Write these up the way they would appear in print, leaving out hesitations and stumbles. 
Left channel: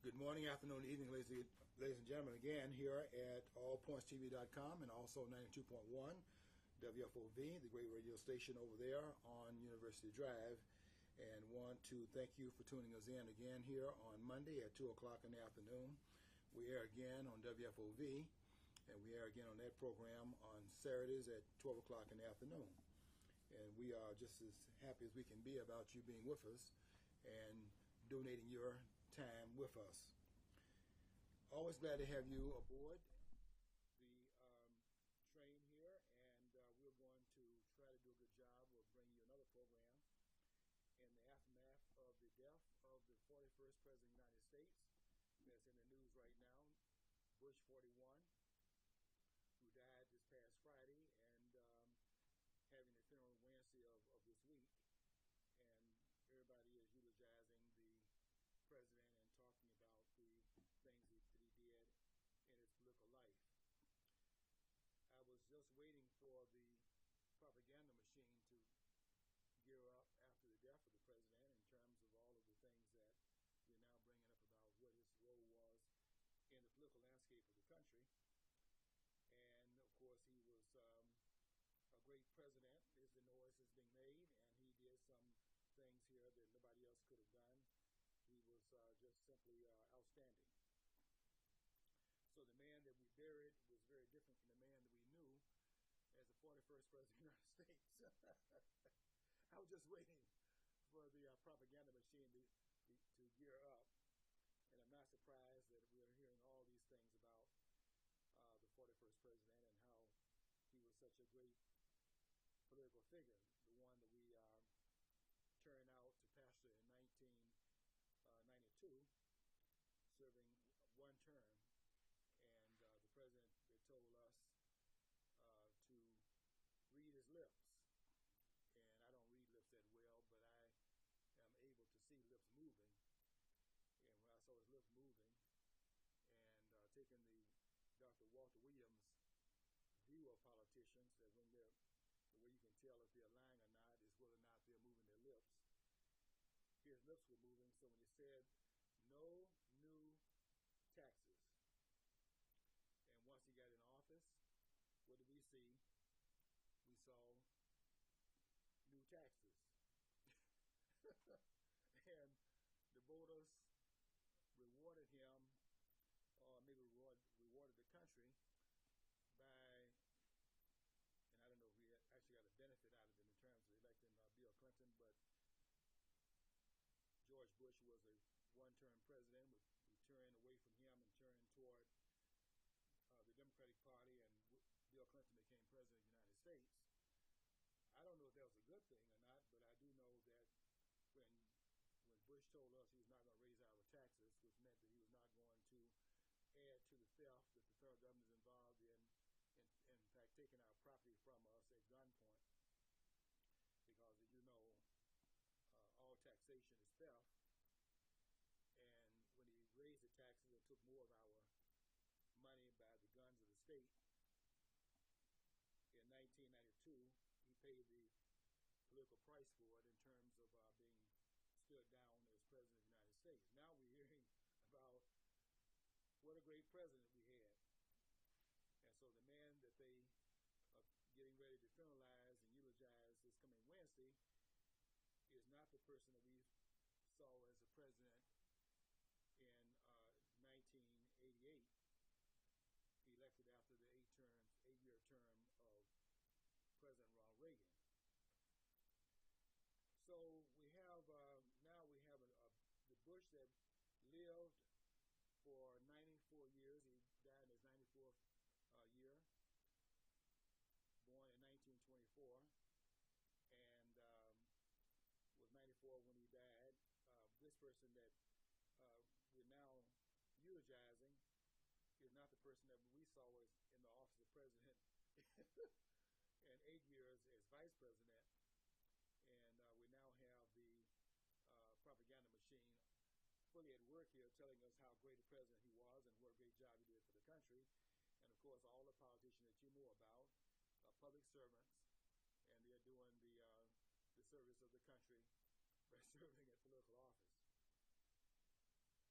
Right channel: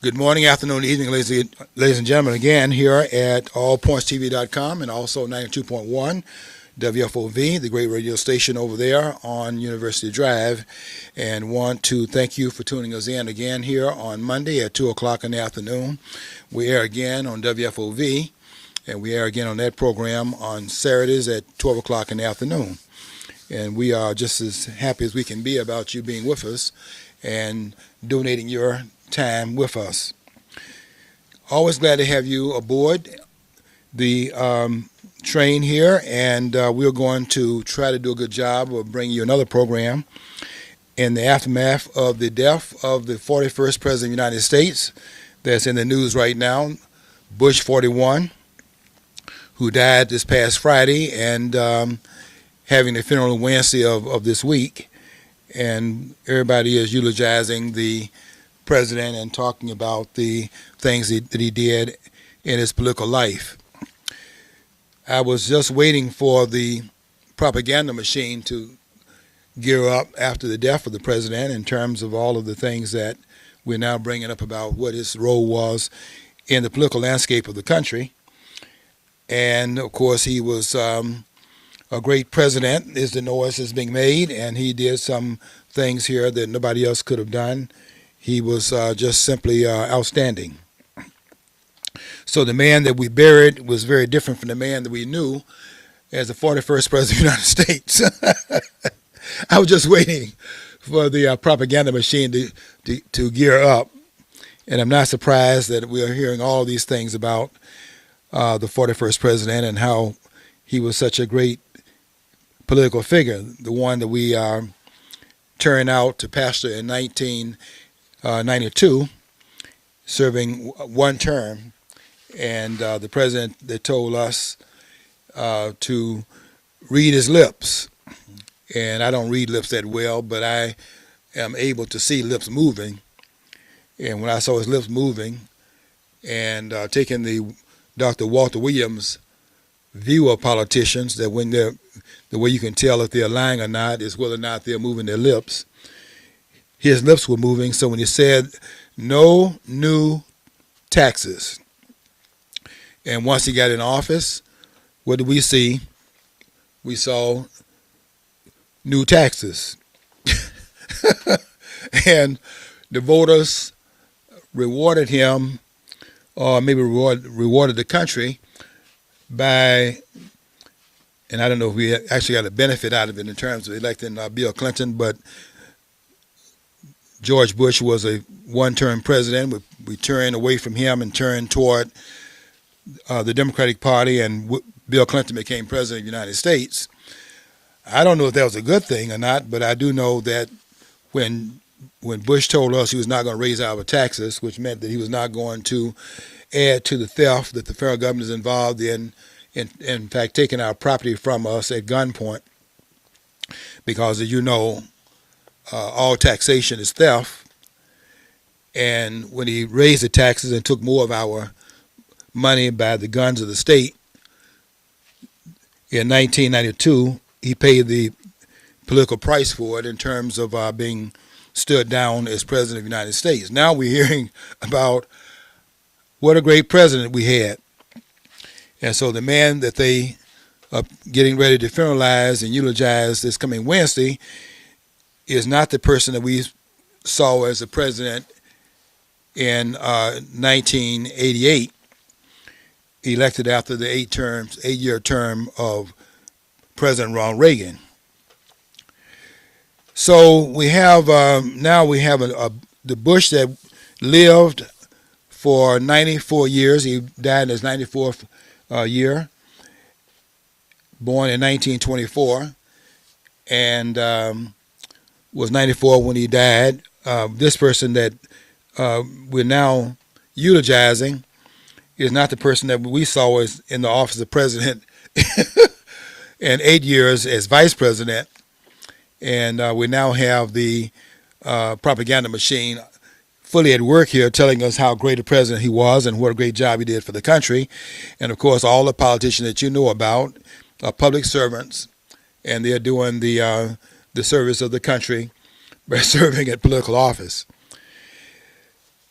Good morning, afternoon, evening, ladies and gentlemen, again here at allpointstv.com and also 92.1 WFOV, the great radio station over there on University Drive. And want to thank you for tuning us in again here on Monday at 2 o'clock in the afternoon. We air again on WFOV, and we air again on that program on Saturdays at 12 o'clock in the afternoon. And we are just as happy as we can be about you being with us and donating your time with us. Always glad to have you aboard the train here, and we're going to try to do a good job of bringing you another program in the aftermath of the death of the 41st President of the United States that's in the news right now, Bush 41, who died this past Friday, and having the funeral Wednesday of this week. And everybody is eulogizing the president and talking about the things that he did in his political life. I was just waiting for the propaganda machine to gear up after the death of the president in terms of all of the things that we're now bringing up about what his role was in the political landscape of the country. And of course, he was a great president, is the noise that's being made, and he did some things here that nobody else could have done. He was just simply outstanding. So the man that we buried was very different from the man that we knew as the 41st President of the United States. I was just waiting for the propaganda machine to gear up, and I'm not surprised that we are hearing all these things about the 41st President and how he was such a great political figure, the one that we turned out to pastor in 1992, serving one term, and the president that told us to read his lips. And I don't read lips that well, but I am able to see lips moving. And when I saw his lips moving and taking the Dr. Walter Williams view of politicians, that when they're the way you can tell if they're lying or not is whether or not they're moving their lips. His lips were moving, so when he said, no new taxes, and once he got in office, what did we see? We saw new taxes. And the voters rewarded him, or maybe rewarded the country by, and I don't know if we actually got a benefit out of it in terms of electing Bill Clinton, but George Bush was a one-term president. We turned away from him and turned toward the Democratic Party, and Bill Clinton became president of the United States. I don't know if that was a good thing or not, but I do know that when Bush told us he was not going to raise our taxes, which meant that he was not going to add to the theft that the federal government is involved in fact, taking our property from us at gunpoint, because as you know, all taxation is theft. And when he raised the taxes and took more of our money by the guns of the state, in 1992, he paid the political price for it in terms of being stood down as president of the United States. Now we're hearing about what a great president we had. And so the man that they are getting ready to funeralize and eulogize this coming Wednesday is not the person that we saw as the president in 1988, elected after the 8-year term of President Ronald Reagan. So we have now we have the Bush that lived for 94 years. He died in his 94th year, born in 1924, and was 94 when he died. This person that we're now eulogizing is not the person that we saw as in the office of president and 8 years as vice president. And we now have the propaganda machine fully at work here telling us how great a president he was and what a great job he did for the country. And, of course, all the politicians that you know about are public servants, and they're doing the service of the country by serving at political office.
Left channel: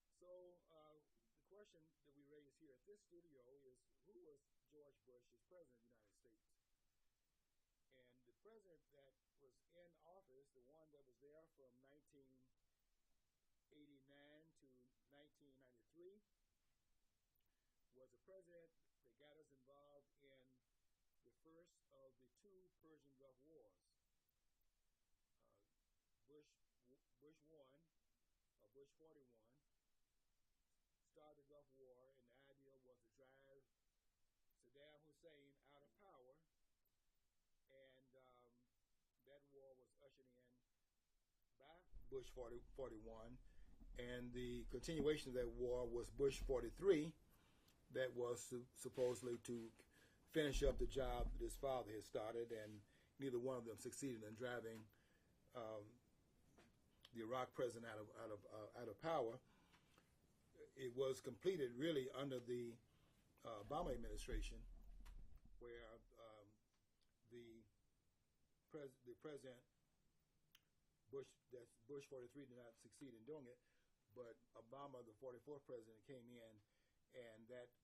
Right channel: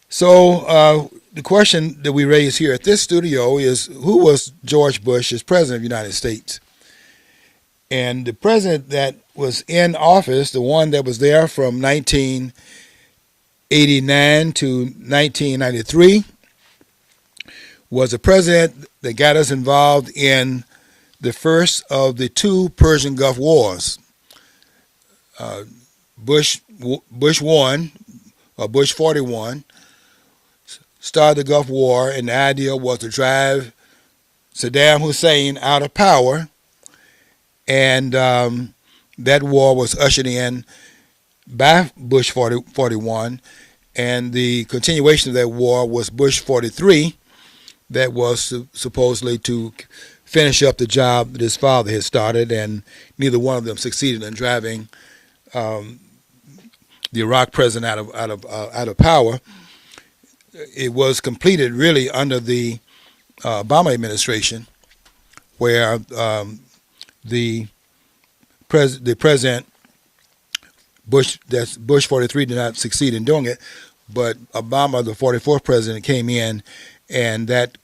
So the question that we raise here at this studio is, who was George Bush as president of the United States? And the president that was in office, the one that was there from 1989 to 1993, was a president that got us involved in the first of the two Persian Gulf Wars. Uh, Bush 1, or Bush 41, started the Gulf War, and the idea was to drive Saddam Hussein out of power, and that war was ushered in by Bush 41, and the continuation of that war was Bush 43, that was supposedly to finish up the job that his father had started, and neither one of them succeeded in driving the Iraq president out of power. It was completed really under the Obama administration, where the president Bush 43 did not succeed in doing it, but Obama, the 44th president, came in, and that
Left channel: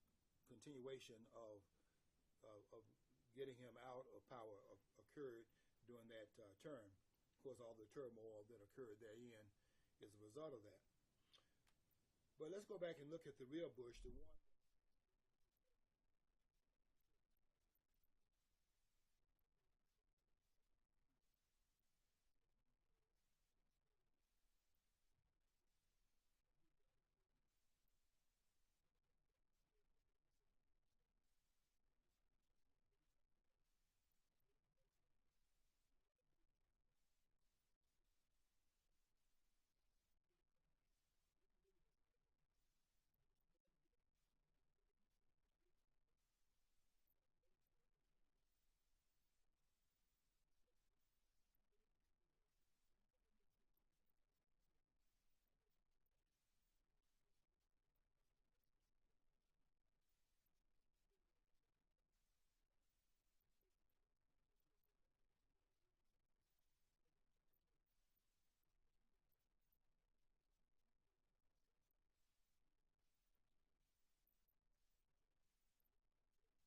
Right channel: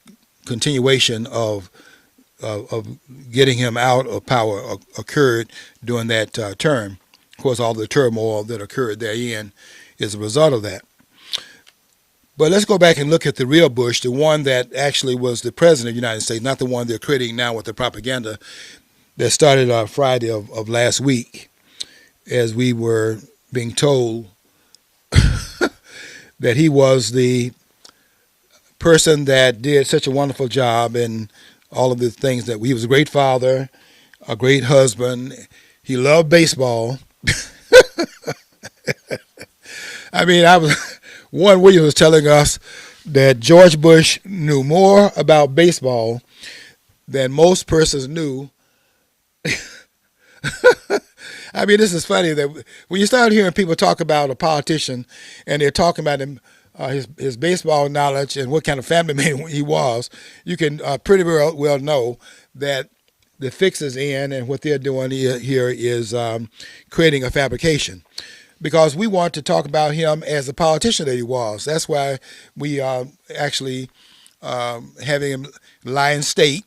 continuation of getting him out of power occurred during that term. Of course, all the turmoil that occurred therein is a result of that. But let's go back and look at the real Bush, the one that actually was the president of the United States, not the one they're creating now with the propaganda that started on Friday of last week, as we were being told that he was the person that did such a wonderful job in all of the things that he was a great father, a great husband. He loved baseball. I mean, Warren Williams was telling us that George Bush knew more about baseball than most persons knew. I mean, this is funny that when you start hearing people talk about a politician and they're talking about him, his baseball knowledge and what kind of family man he was, you can pretty well know that the fix is in, and what they're doing here is creating a fabrication. Because we want to talk about him as the politician that he was. That's why we are actually having him lie in state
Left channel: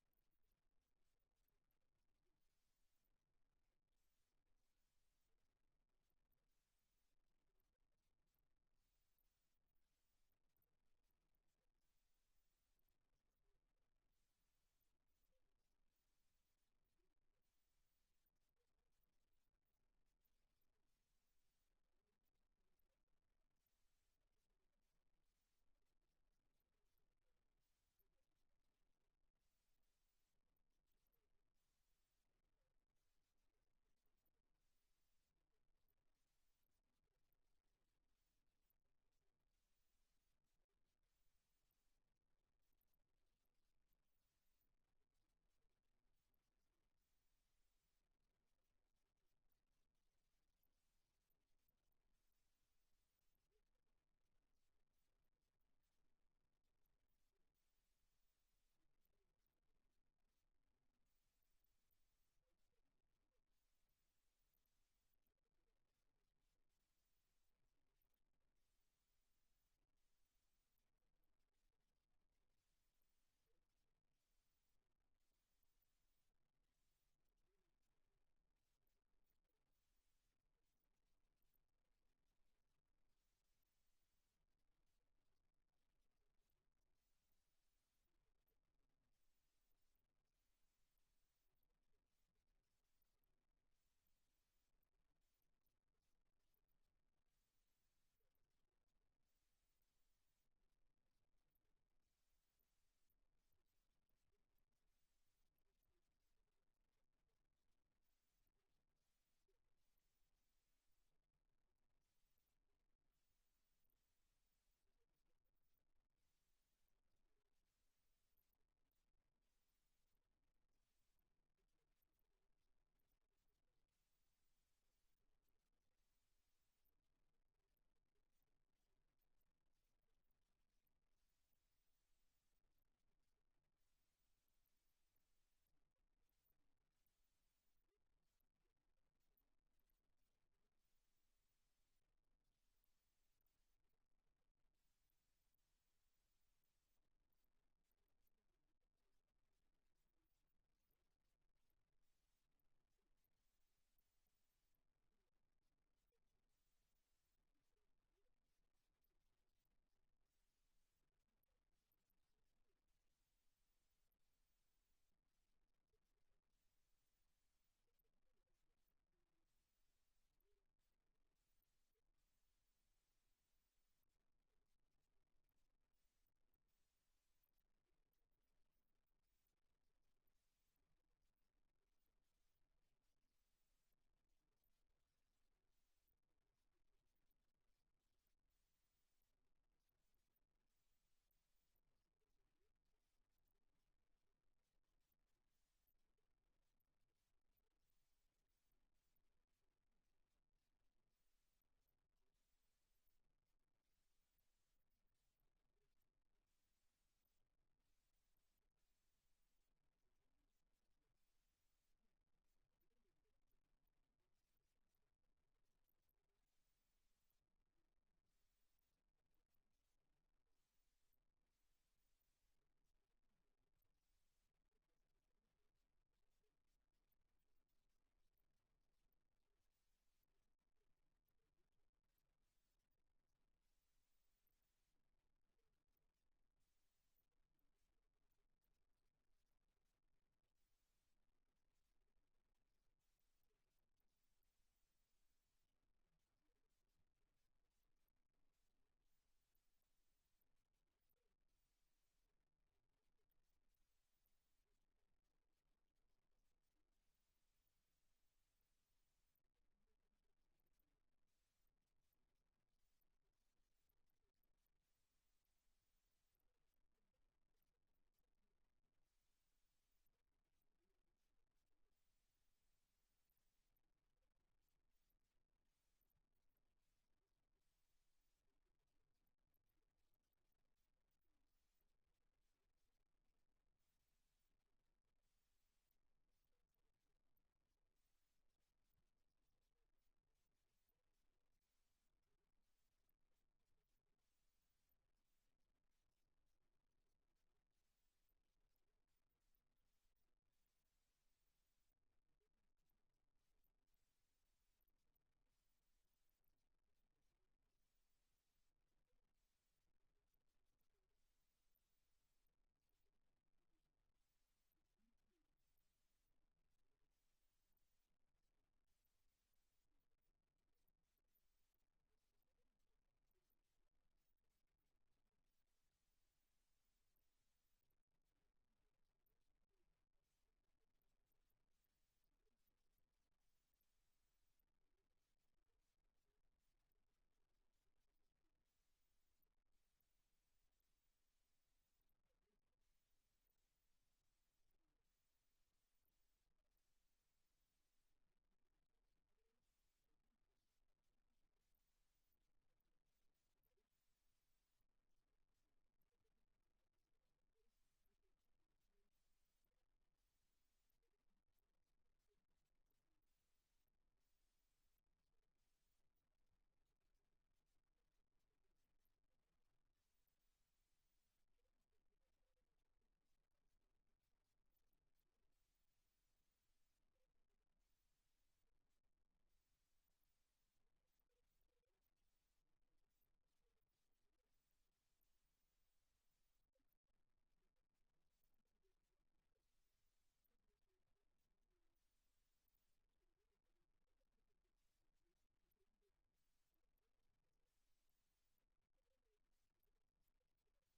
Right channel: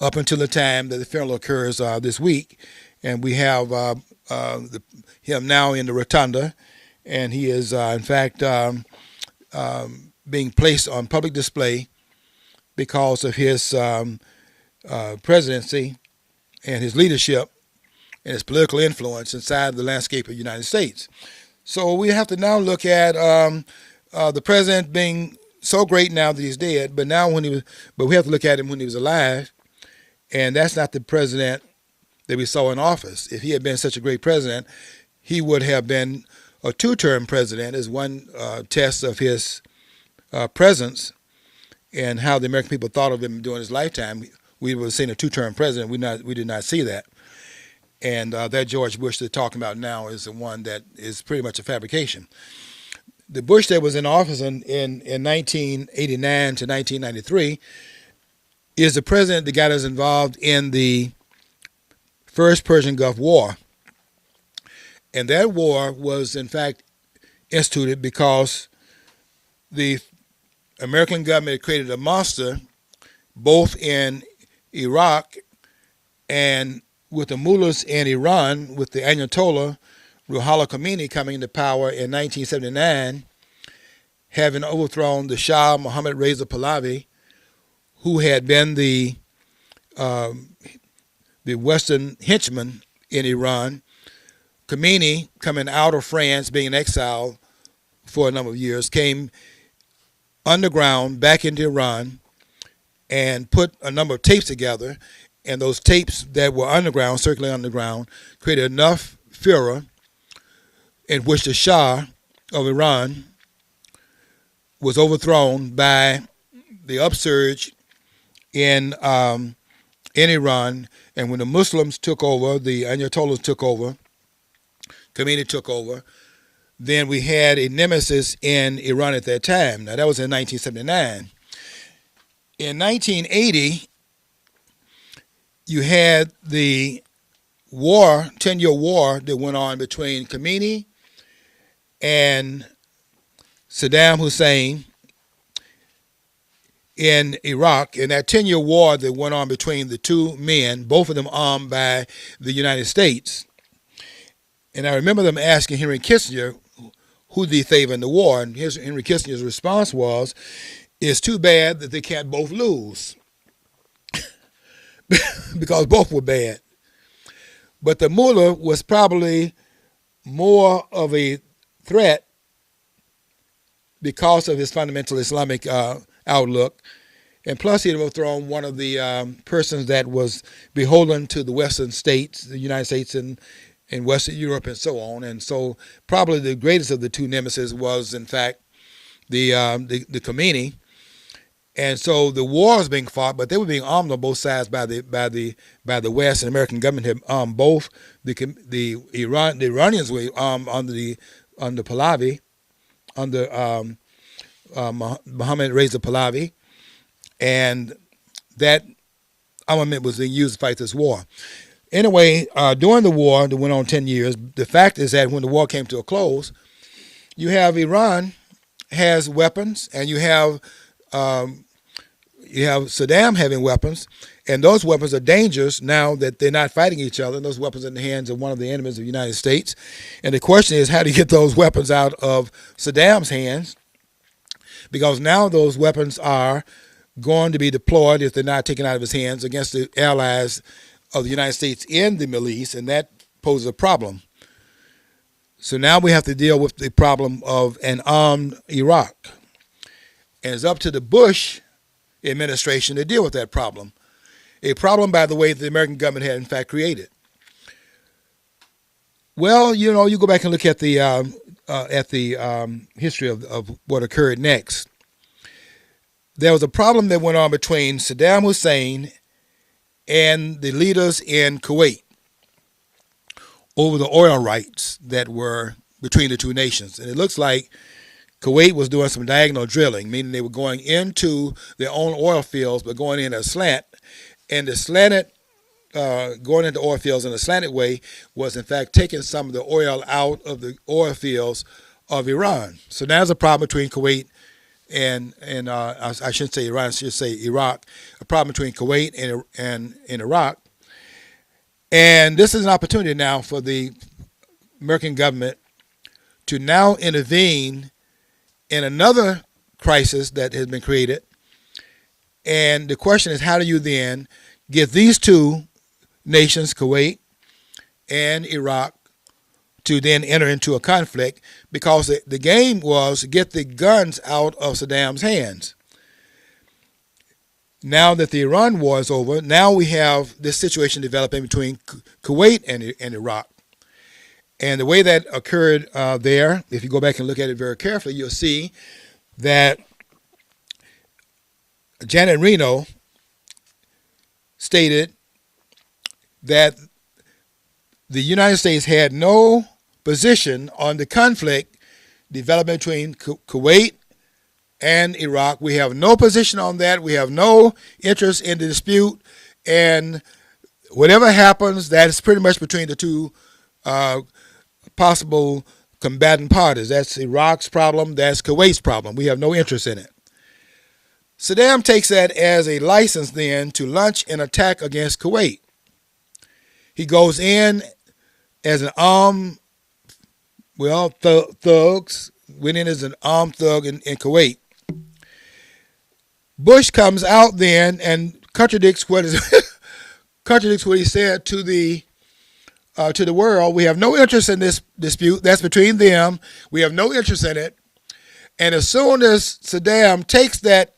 up until the time that the funeral occurs this week. And we have him now in the rotunda, and he is, in fact, being placed on public display because of his presidency and his leadership and his political influence inside the landscape of the United States. So we have to now look at the president being so great now that he's dead, but we have to look at him when he was alive, and that's not the president that we saw in office. If he had been such a great president, he would have been a two-term president, as one test of his presence and how the American people thought of him during his lifetime. We would have seen a two-term president. We did not see that. And that George Bush they're talking about now is the one that is pretty much a fabrication. The Bush that was in office in 1989 to 1993 is the president that got us involved in the first Persian Gulf War. And that war was, in fact, instituted because the American government had created a monster both in Iraq and with the mullahs in Iran, with the Ayatollah Ruhollah Khomeini coming into power in 1979, having overthrown the Shah Mohammad Reza Pahlavi, who had been the Western henchman in Iran. Khomeini, coming out of France, being in exile for a number of years, came underground back into Iran and put a number of tapes together. And those tapes that were underground, circulating underground, created enough furor in which the Shah of Iran was overthrown by the upsurge in Iran. And when the Muslims took over, the Ayatollahs took over, Khomeini took over, then we had a nemesis in Iran at that time. Now, that was in 1979. In 1980, you had the war, 10-year war that went on between Khomeini and Saddam Hussein in Iraq, in that 10-year war that went on between the two men, both of them armed by the United States. And I remember them asking Henry Kissinger, who did he favor in the war? And Henry Kissinger's response was, it's too bad that they can't both lose. Because both were bad. But the mullah was probably more of a threat because of his fundamental Islamic outlook. And plus, he had overthrown one of the persons that was beholden to the Western states, the United States and Western Europe and so on. And so probably the greatest of the two nemesis was, in fact, the Khomeini. And so the war was being fought, but they were being armed on both sides by the West, and the American government had armed both. The Iranians were armed under Pahlavi, under Mohammed Reza Pahlavi, and that armament was being used to fight this war. Anyway, during the war that went on 10 years, the fact is that when the war came to a close, you have Iran has weapons, and you have Saddam having weapons, and those weapons are dangerous now that they're not fighting each other. Those weapons are in the hands of one of the enemies of the United States. And the question is, how do you get those weapons out of Saddam's hands? Because now those weapons are going to be deployed, if they're not taken out of his hands, against the allies of the United States in the Middle East, and that poses a problem. So now we have to deal with the problem of an armed Iraq. And it's up to the Bush administration to deal with that problem. A problem, by the way, that the American government had in fact created. Well, you know, you go back and look at the history of what occurred next. There was a problem that went on between Saddam Hussein and the leaders in Kuwait over the oil rights that were between the two nations. And it looks like Kuwait was doing some diagonal drilling, meaning they were going into their own oil fields, but going in a slant. And the slanted, going into oil fields in a slanted way was, in fact, taking some of the oil out of the oil fields of Iran. So now there's a problem between Kuwait and I shouldn't say Iran, I should say Iraq, a problem between Kuwait and Iraq. And this is an opportunity now for the American government to now intervene in another crisis that has been created. And the question is, how do you then get these two nations, Kuwait and Iraq, to then enter into a conflict? Because the game was to get the guns out of Saddam's hands. Now that the Iran war is over, now we have this situation developing between Kuwait and Iraq. And the way that occurred there, if you go back and look at it very carefully, you'll see that Janet Reno stated that the United States had no position on the conflict developing between Kuwait and Iraq. We have no position on that. We have no interest in the dispute. And whatever happens, that is pretty much between the two possible combatant parties. That's Iraq's problem. That's Kuwait's problem. We have no interest in it. Saddam takes that as a license then to launch an attack against Kuwait. He goes in as an armed, thugs, went in as an armed thug in Kuwait. Bush comes out then and contradicts what he said to the world. We have no interest in this dispute. That's between them. We have no interest in it. And as soon as Saddam takes that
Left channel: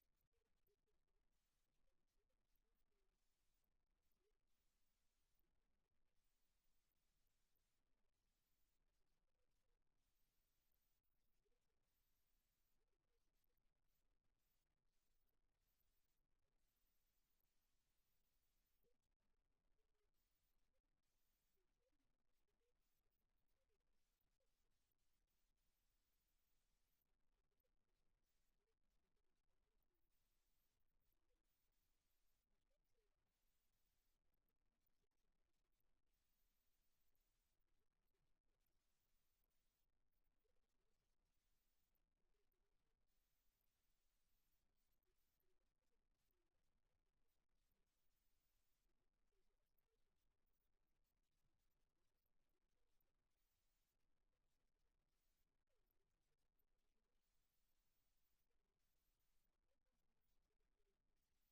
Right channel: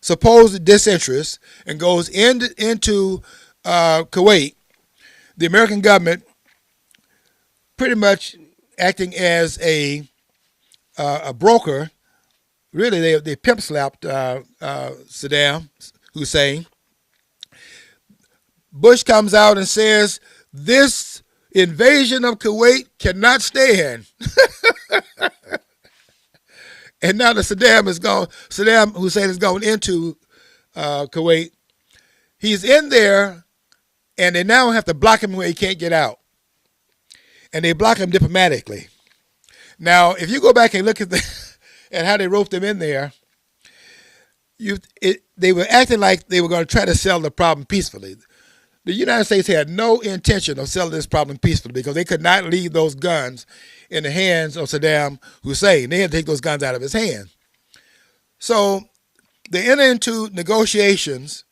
supposed disinterest and goes into Kuwait, the American government pretty much acting as a broker. Really, they pimp slapped Saddam Hussein. Bush comes out and says, this invasion of Kuwait cannot stand. And now that Saddam Hussein is going into Kuwait, he's in there, and they now have to block him where he can't get out. And they block him diplomatically. Now, if you go back and look at and how they roped them in there, they were acting like they were going to try to settle the problem peacefully. The United States had no intention of settling this problem peacefully because they could not leave those guns in the hands of Saddam Hussein. They had to take those guns out of his hand. So they enter into negotiations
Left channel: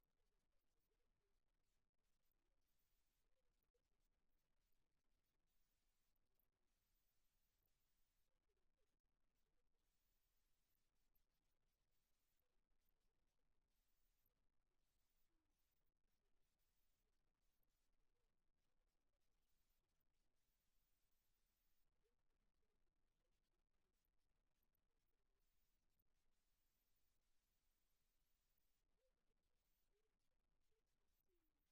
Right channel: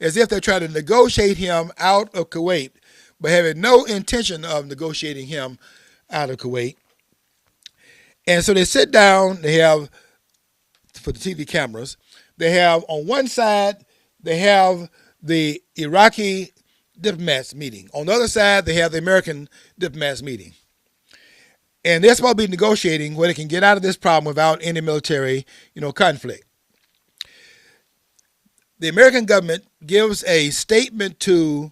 as if they're trying to negotiate him out of Kuwait, but having no intention of negotiating him out of Kuwait. And so they sit down, they have, for the TV cameras, they have on one side, they have the Iraqi diplomats meeting. On the other side, they have the American diplomats meeting. And they're supposed to be negotiating where they can get out of this problem without any military, conflict. The American government gives a statement to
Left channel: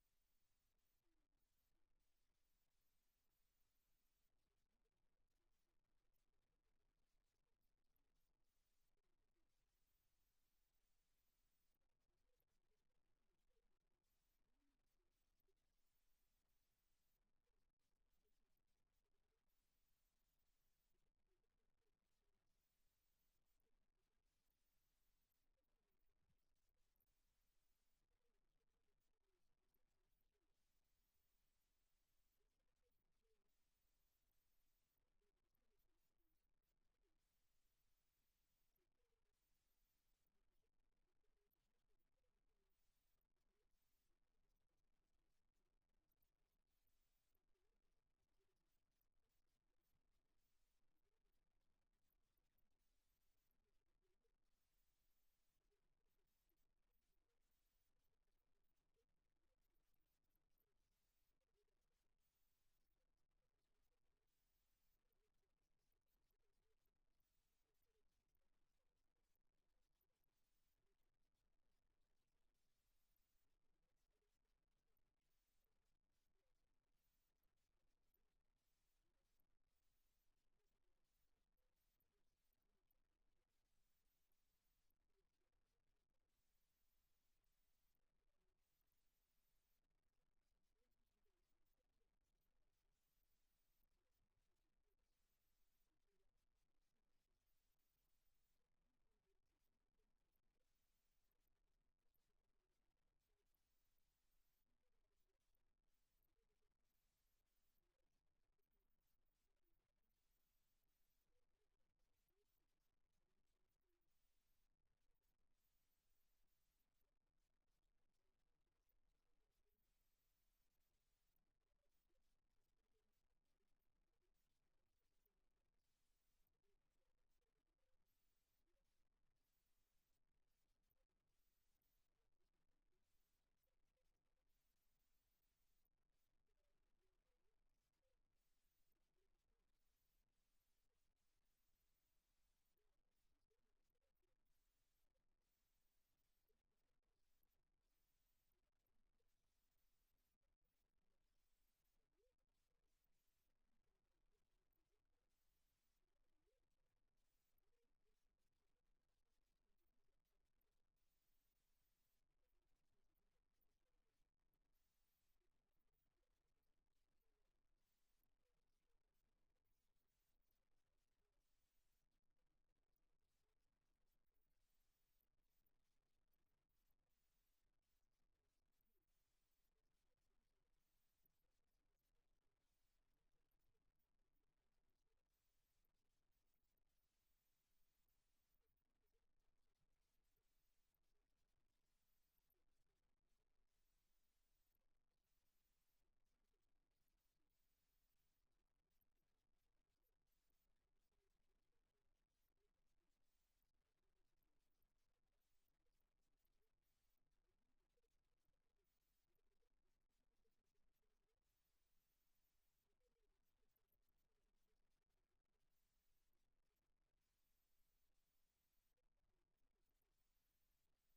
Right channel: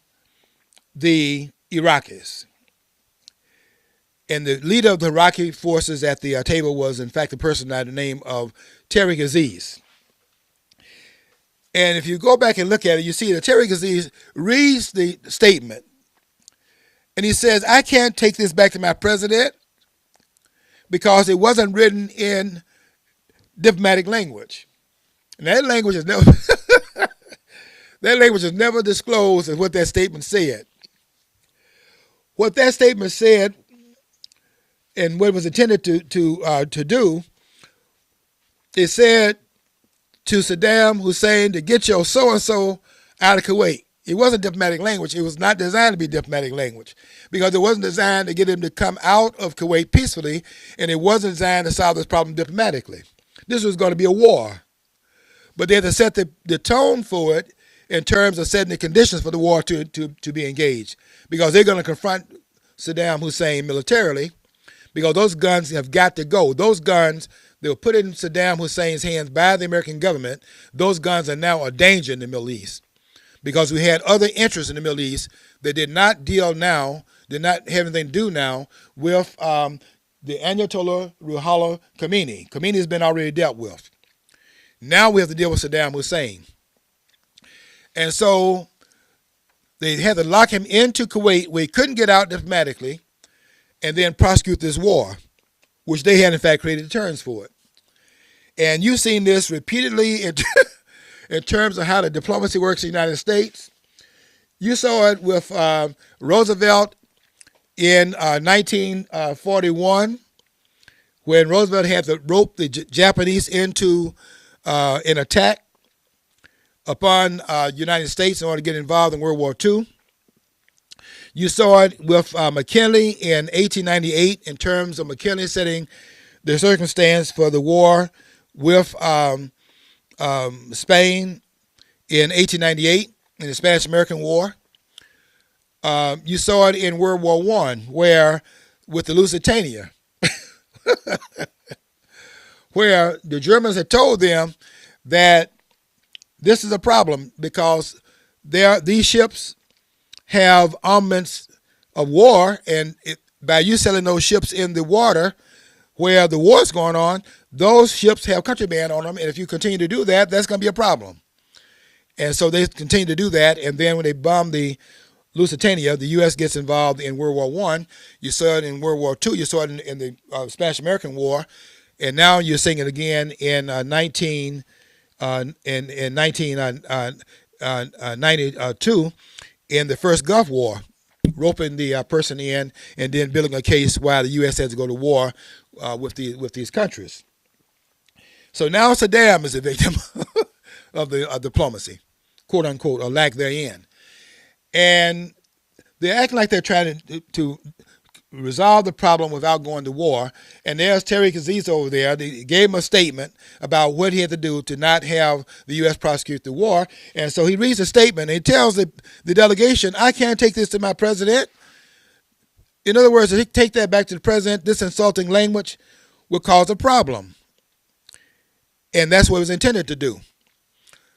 the Iraqis. And the leader of the Iraqi forces at the table was, in fact, a person by the name of Tariq Aziz. And if you go back and look at it, you see that Tariq Aziz reads the statement, and he says, I can't take this back to my president because it wasn't written in diplomatic language. And that language is never that language is never disclosed as what that statement said. What that statement said and what it was intended to do, it said to Saddam Hussein to get your so-and-so out of Kuwait. It wasn't diplomatic language. It was not designed to be diplomatic language because it wasn't designed to get him to come out of Kuwait peacefully, and it wasn't designed to solve this problem diplomatically. This was going to be a war. But they had to set the tone for it in terms of setting the conditions for the war to be engaged, because they're going to confront Saddam Hussein militarily, because those guns have got to go. Those guns, they were put in Saddam Hussein's hands by the American government. Those guns are now a danger in the Middle East, because we had other interests in the Middle East that did not have anything to do now with the Ayatollah Ruhollah Khomeini. Khomeini has been already dealt with. Now we have to deal with Saddam Hussein. And so they had to lock him into Kuwait where he couldn't get out diplomatically and then prosecute this war, which they had in fact created the terms for it. And you've seen this repeatedly in terms of how the diplomacy works in the United States. You saw it with Roosevelt in 1941, when Roosevelt had to rope the Japanese into an attack upon the United States in order to get involved in World War II. You saw it with McKinley in 1898 in terms of McKinley setting the circumstance for the war with Spain in 1898 in the Spanish-American War. You saw it in World War I, where with the Lusitania, where the Germans had told them that this is a problem because these ships have armaments of war, and by you selling those ships in the water where the war is going on, those ships have contraband on them, and if you continue to do that, that's going to be a problem. And so they continue to do that, and then when they bomb the Lusitania, the U.S. gets involved in World War I. You saw it in World War II. You saw it in the Spanish-American War, and now you're seeing it again in 1992 in the first Gulf War, roping the person in and then building a case why the U.S. has to go to war with these countries. So now Saddam is a victim of the diplomacy, quote unquote, or lack therein. And they're acting like they're trying to resolve the problem without going to war. And there's Tariq Aziz over there. They gave him a statement about what he had to do to not have the U.S. prosecute the war. And so he reads the statement and he tells the delegation, I can't take this to my president. In other words, if he take that back to the president, this insulting language will cause a problem. And that's what it was intended to do.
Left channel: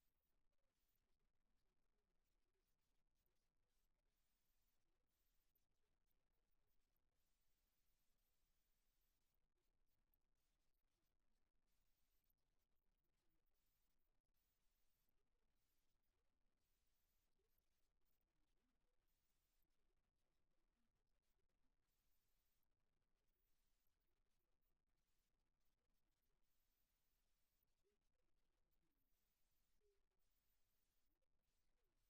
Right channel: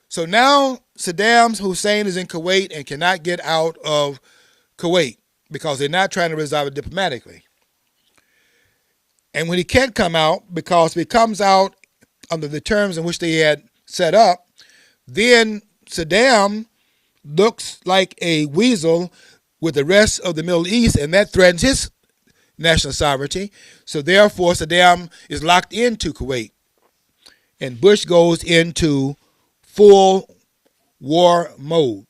So now Saddam Hussein is in Kuwait and cannot get out of Kuwait because they're not trying to resolve it diplomatically. And when he can't come out, because if he comes out under the terms in which they had set up, then Saddam looks like a weasel with the rest of the Middle East, and that threatens his national sovereignty. So therefore, Saddam is locked into Kuwait. and Bush goes into full war mode.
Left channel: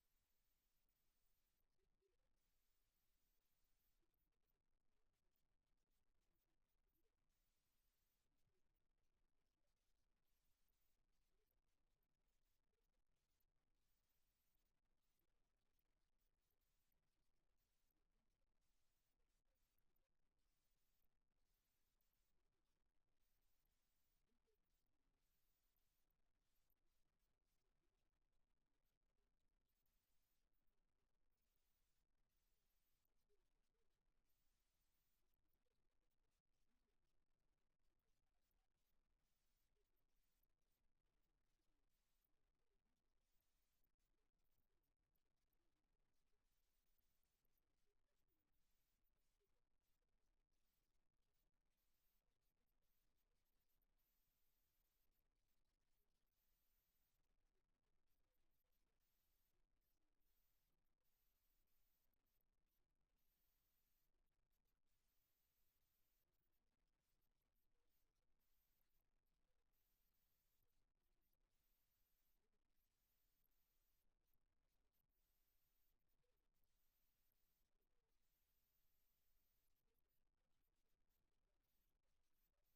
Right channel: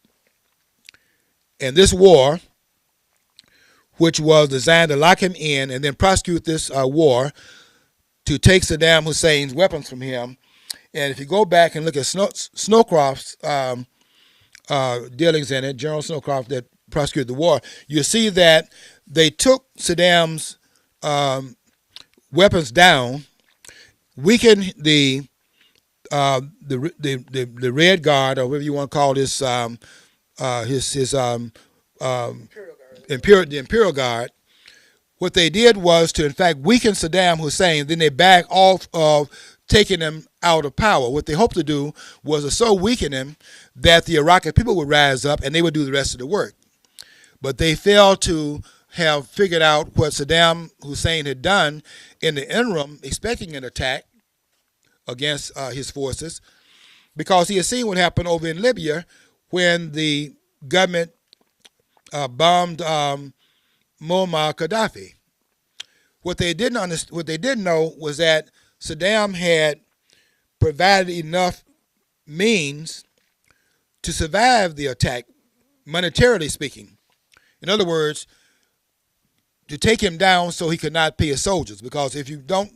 And this war, which was designed to lock him in and then prosecute this war to take Saddam Hussein's weapons from him. And if you go back and look at Snowcroft's dealings in it, General Snowcroft that prosecuted the war, you see that they took Saddam's weapons down, weakened the Red Guard, or whatever you want to call this, his the Imperial Guard. What they did was to, in fact, weaken Saddam Hussein. Then they back off of taking him out of power. What they hoped to do was to so weaken him that the Iraqi people would rise up and they would do the rest of the work. But they failed to have figured out what Saddam Hussein had done in the interim, expecting an attack against his forces, because he had seen what happened over in Libya when the government bombed Muammar Gaddafi. What they didn't know was that Saddam had provided enough means to survive the attack, monetarily speaking. In other words, to take him down so he could not pay his soldiers. Because if you don't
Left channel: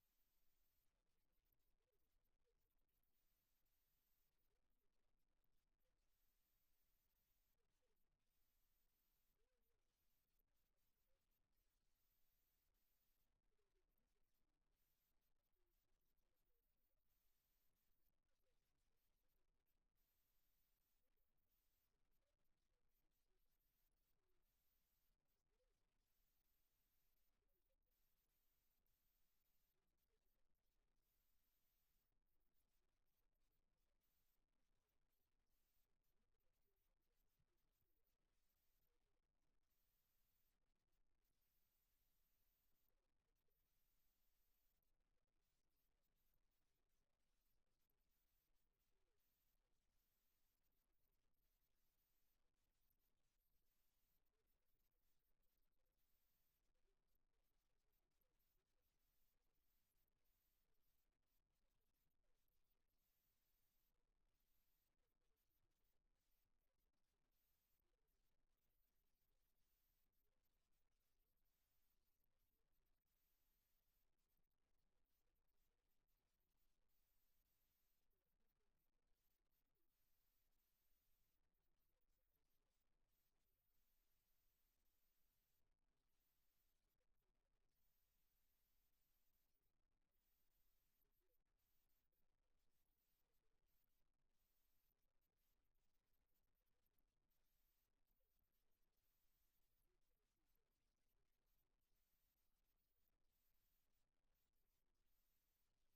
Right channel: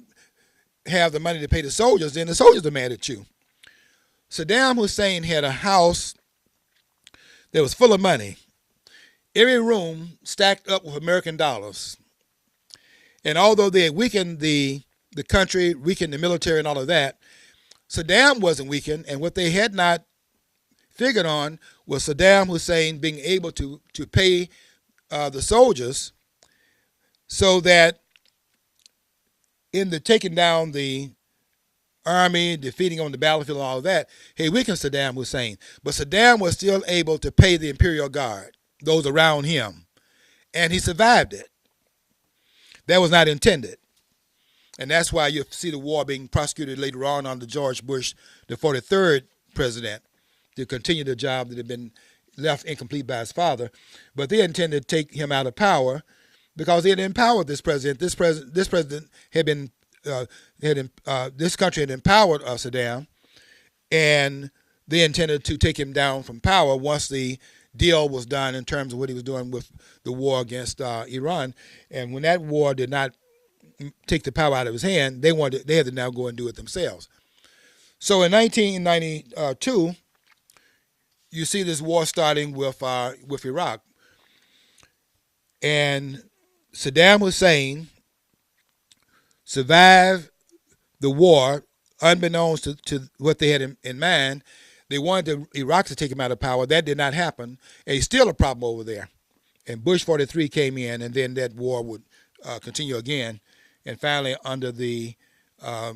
have the money to pay the soldiers, then the soldiers are mad at you. Saddam Hussein had a house that was full of money. Every room stacked up with American dollars. And although they had weakened the country, weakened the military and all of that, Saddam wasn't weakened. And what they had not figured on was Saddam Hussein being able to pay the soldiers, so that in the taking down the army, defeating on the battlefield and all of that, he weakened Saddam Hussein. But Saddam was still able to pay the Imperial Guard, those around him, and he survived it. That was not intended. And that's why you see the war being prosecuted later on under George Bush, the 43rd president, to continue the job that had been left incomplete by his father. But they intended to take him out of power because they had empowered this president. This president had been, this country had empowered Saddam, and they intended to take him down from power once the deal was done in terms of what he was doing with the war against Iran. And when that war did not take the power out of his hand, they had to now go and do it themselves. So in 1992, you see this war starting with Iraq, and Saddam Hussein survived the war unbeknownst to what they had in mind. They wanted Iraq to take him out of power. That did not happen, and he's still a problem over there. And Bush 43 came in, and then that war would continue again. And finally, under the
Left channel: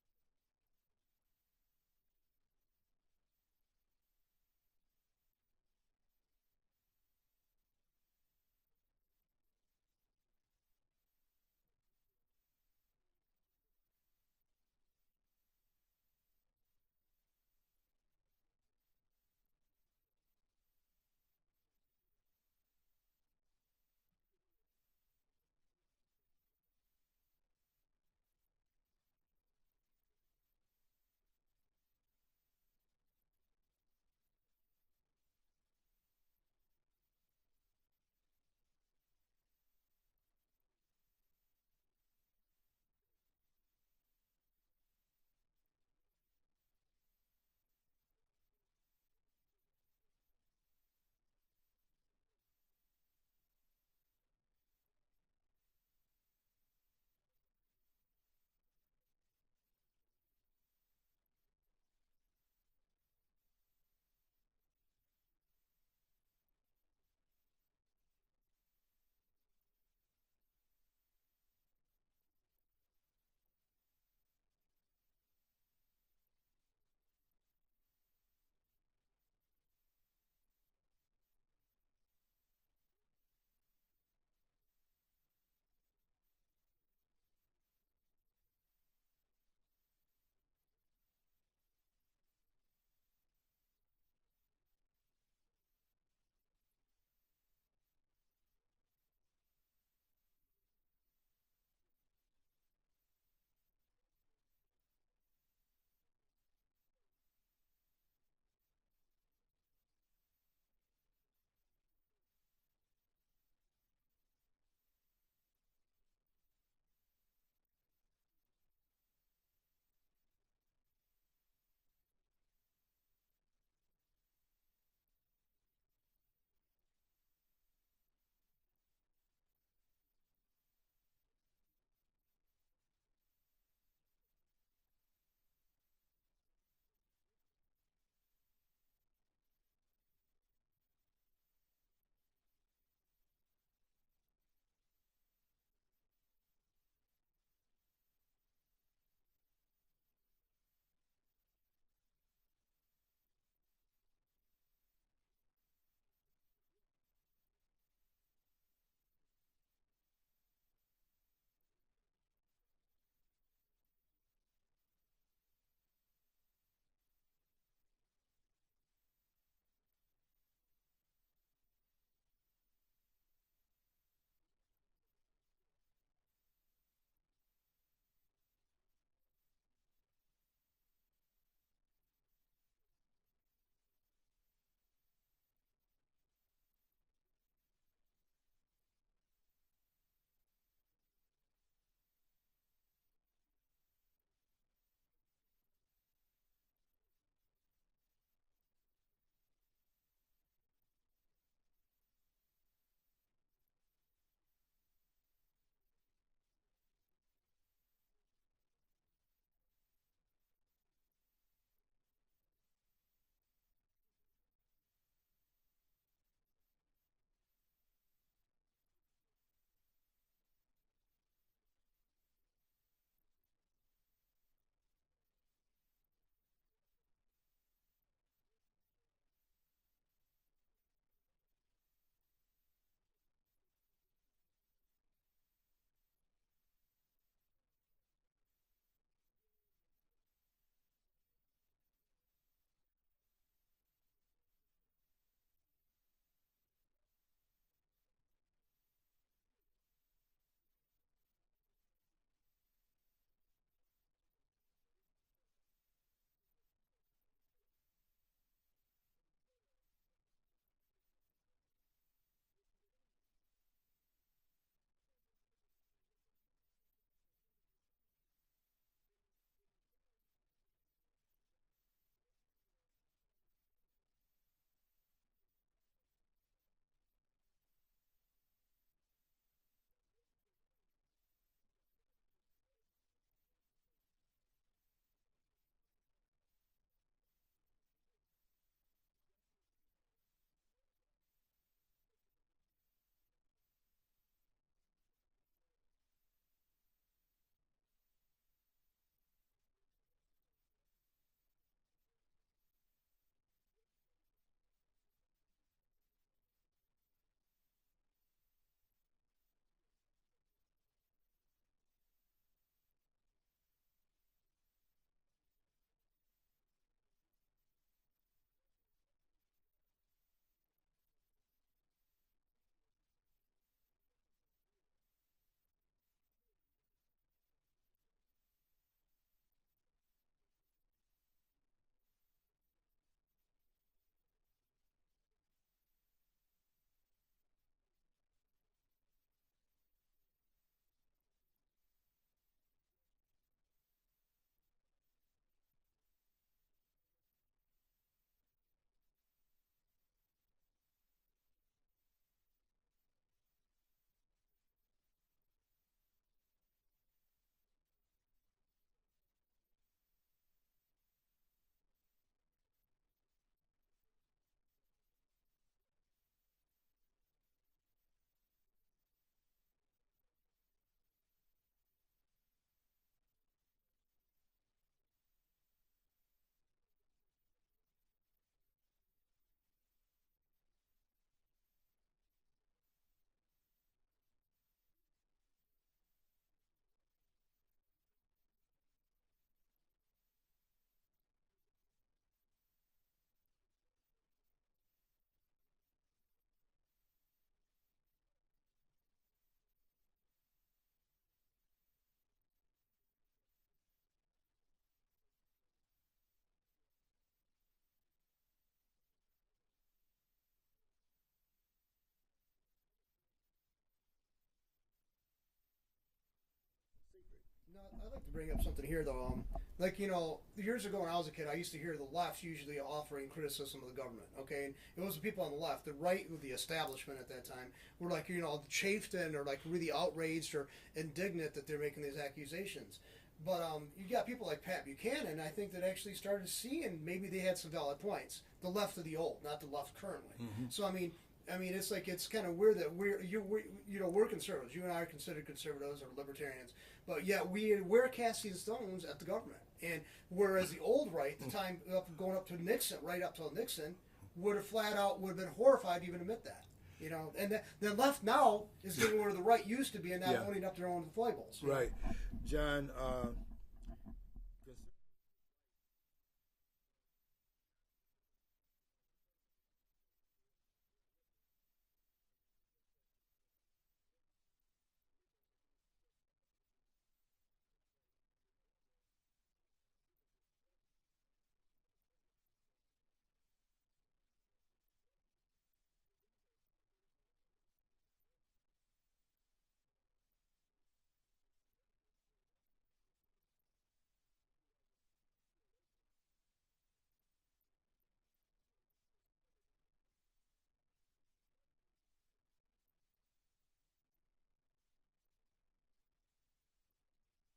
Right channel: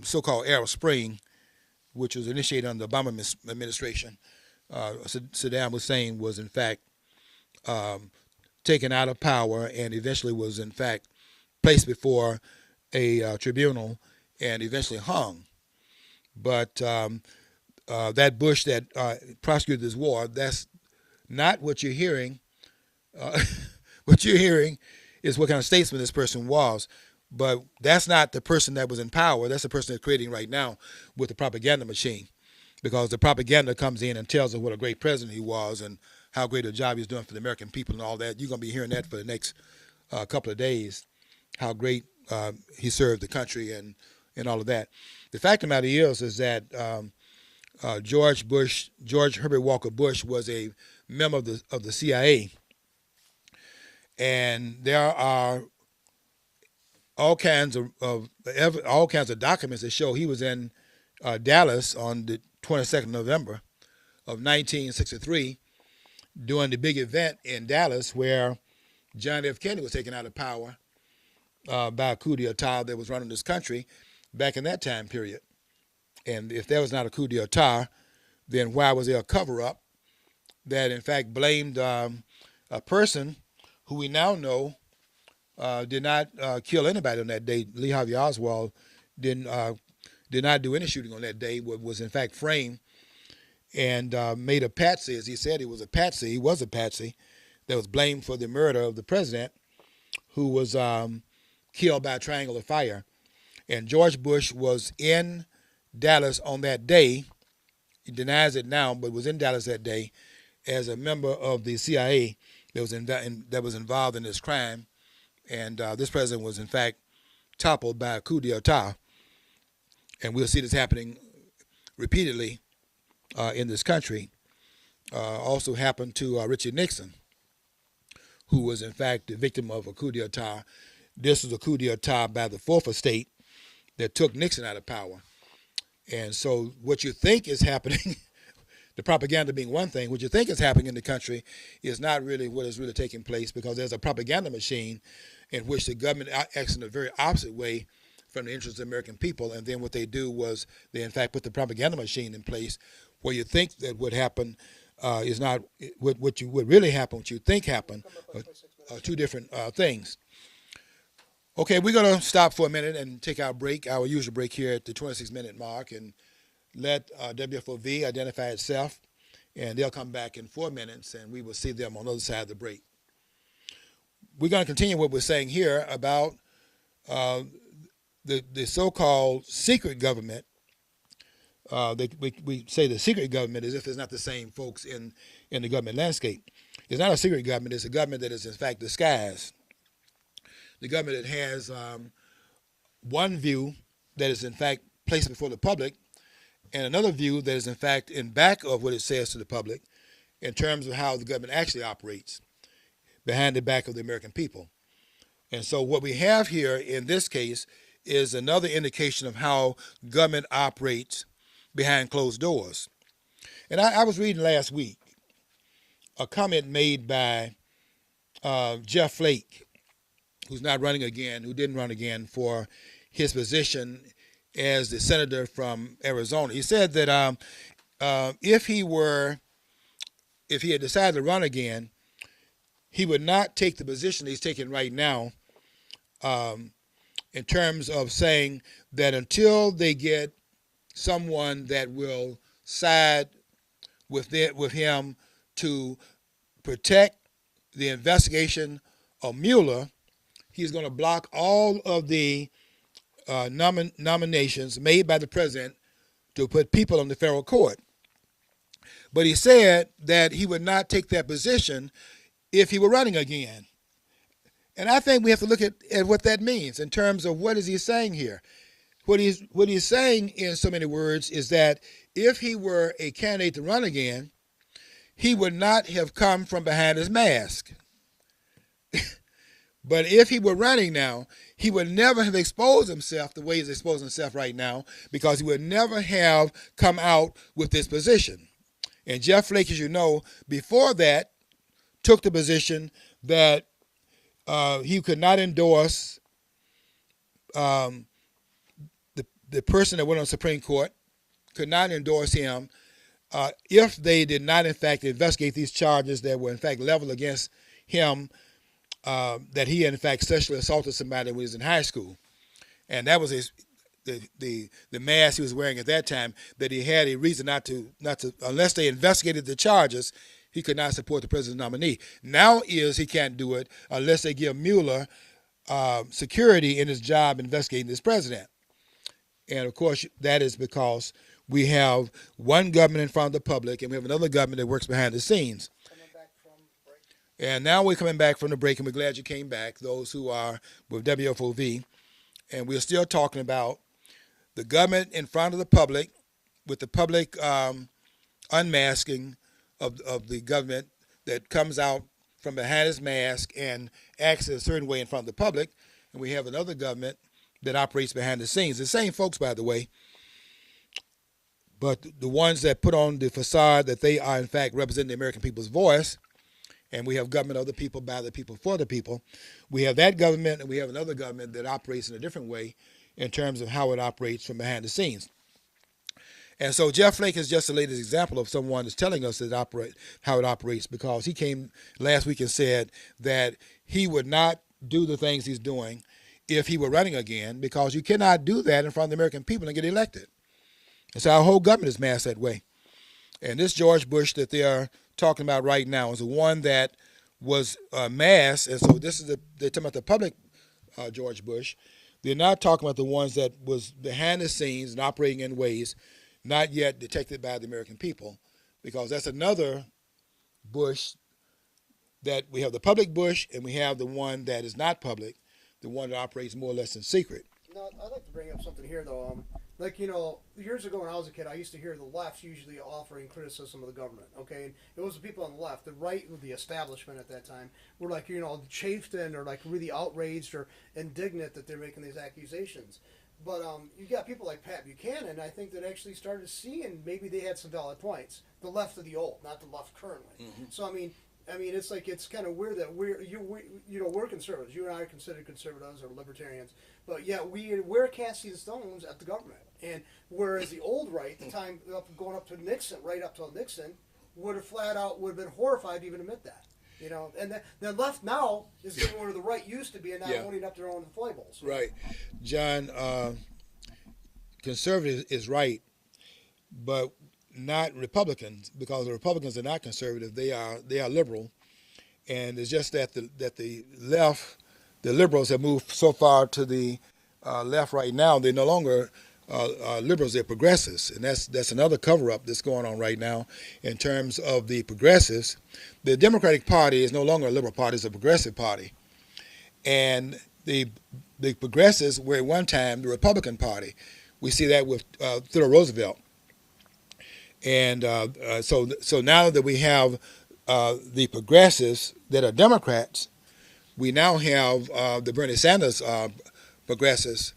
so-called Arab Spring, which was initiated under the Obama administration, Saddam Hussein was, in fact, taken out of power and eventually was, in fact, placed before a tribunal and eventually hung. But that Bush that prosecuted this war, that's not what you're hearing. What you're hearing is what kind of statesman this person was. But that's not the person that was in power. That's the person they're creating right now with the propaganda machine. Because the propaganda comes in and tells us what a great president he was and how great a job he's doing for the American people and all that. You're going to be hearing that for the next couple of days, how great he served the country and all of that. The fact of the matter is that George Herbert Walker Bush was a member of the CIA. And there are all kinds of documents that show he was in Dallas on the 22nd of November of 1963 during the big event in Dallas where John F. Kennedy was taken out of power by a coup d'etat that was running this country back in that time period. And if there was not a coup d'etat, then why was there a cover-up that in fact blamed a person who we now know did not kill anybody on that day? Lee Harvey Oswald did not do any shooting on that day, was in fact framed and made a patsy, as he said he was a patsy. He was a patsy that was blamed for the murder of the president, who was killed by a triangle of fire. And George Bush was in Dallas on that day. He denies it now, but was in Dallas that day as a member of the CIA that was involved in this crime. And this president was, in fact, toppled by a coup d'etat. And we'll see this happening repeatedly in this country. Also happened to Richard Nixon, who was, in fact, the victim of a coup d'etat. This was a coup d'etat by the fourth estate that took Nixon out of power. And so what you think is happening, the propaganda being one thing, what you think is happening in the country is not really what is really taking place, because there's a propaganda machine in which the government acts in a very opposite way from the interests of the American people. And then what they do was they, in fact, put the propaganda machine in place where you think that what happened is not what really happened, what you think happened, are two different things. Okay, we're going to stop for a minute and take our break, our usual break here at the 26-minute mark, and let WFOV identify itself, and they'll come back in 4 minutes, and we will see them on the other side of the break. We're going to continue what we're saying here about the so-called secret government. We say the secret government as if it's not the same folks in the government landscape. It's not a secret government. It's a government that is, in fact, disguised. The government that has one view that is, in fact, placed before the public, and another view that is, in fact, in back of what it says to the public in terms of how the government actually operates behind the back of the American people. And so what we have here in this case is another indication of how government operates behind closed doors. And I was reading last week a comment made by Jeff Flake, who's not running again, who didn't run again for his position as the senator from Arizona. He said that if he had decided to run again, he would not take the position he's taking right now in terms of saying that until they get someone that will side with him to protect the investigation of Mueller, he's going to block all of the nominations made by the president to put people on the federal court. But he said that he would not take that position if he were running again. And I think we have to look at what that means in terms of what is he saying here. What he's saying in so many words is that if he were a candidate to run again, he would not have come from behind his mask. But if he were running now, he would never have exposed himself the way he's exposing himself right now, because he would never have come out with this position. And Jeff Flake, as you know, before that, took the position that he could not endorse the person that went on the Supreme Court, could not endorse him if they did not, in fact, investigate these charges that were, in fact, leveled against him, that he, in fact, sexually assaulted somebody when he was in high school. And that was the mask he was wearing at that time, that he had a reason not to, unless they investigated the charges, he could not support the president's nominee. Now he can't do it unless they give Mueller security in his job investigating this president. And, of course, that is because we have one government in front of the public, and we have another government that works behind the scenes. And now we're coming back from the break, and we're glad you came back, those who are with WFOV. And we're still talking about the government in front of the public, with the public unmasking of the government that comes out from behind his mask and acts a certain way in front of the public. And we have another government that operates behind the scenes. The same folks, by the way, but the ones that put on the facade that they are, in fact, representing the American people's voice. And we have government of the people, by the people, for the people. We have that government, and we have another government that operates in a different way in terms of how it operates from behind the scenes. And so Jeff Flake is just the latest example of someone that's telling us how it operates, because he came last week and said that he would not do the things he's doing if he were running again, because you cannot do that in front of the American people and get elected. And so our whole government is masked that way. And this George Bush that they are talking about right now is the one that was masked. And so this is they're talking about the public George Bush. They're not talking about the ones that was behind the scenes and operating in ways not yet detected by the American people, because that's another Bush that we have, the public Bush, and we have the one that is not public, the one that operates more or less in secret. No, I'd like to bring up something here, though. Like, years ago when I was a kid, I used to hear the left usually offering criticism of the government. Okay, and it was the people on the left, the right, the establishment at that time, were like, chafed and or like really outraged or indignant that they're making these accusations. But you got people like Pat Buchanan, I think, that actually started seeing maybe they had some valid points. The left of the old, not the left currently. Mm-hmm. So I mean, it's like it's kind of weird that we're conservatives. You and I are considered conservatives or libertarians, but yet we're casting stones at the government. And whereas the old right, the time going up to Nixon, right up till Nixon, would have been horrified to even admit that. And the left now is getting where the right used to be and not owning up their own foibles. Right, John. Conservative is right, but not Republicans, because the Republicans are not conservative. They are liberal, and it's just that the left, the liberals have moved so far to the left right now. They're no longer liberals; they're progressives, and that's another cover up that's going on right now in terms of the progressives. The Democratic Party is no longer a liberal party; it's a progressive party, and the progressives were at one time the Republican Party. We see that with Theodore Roosevelt. And so now that we have the progressives that are Democrats, we now have the Bernie Sanders progressives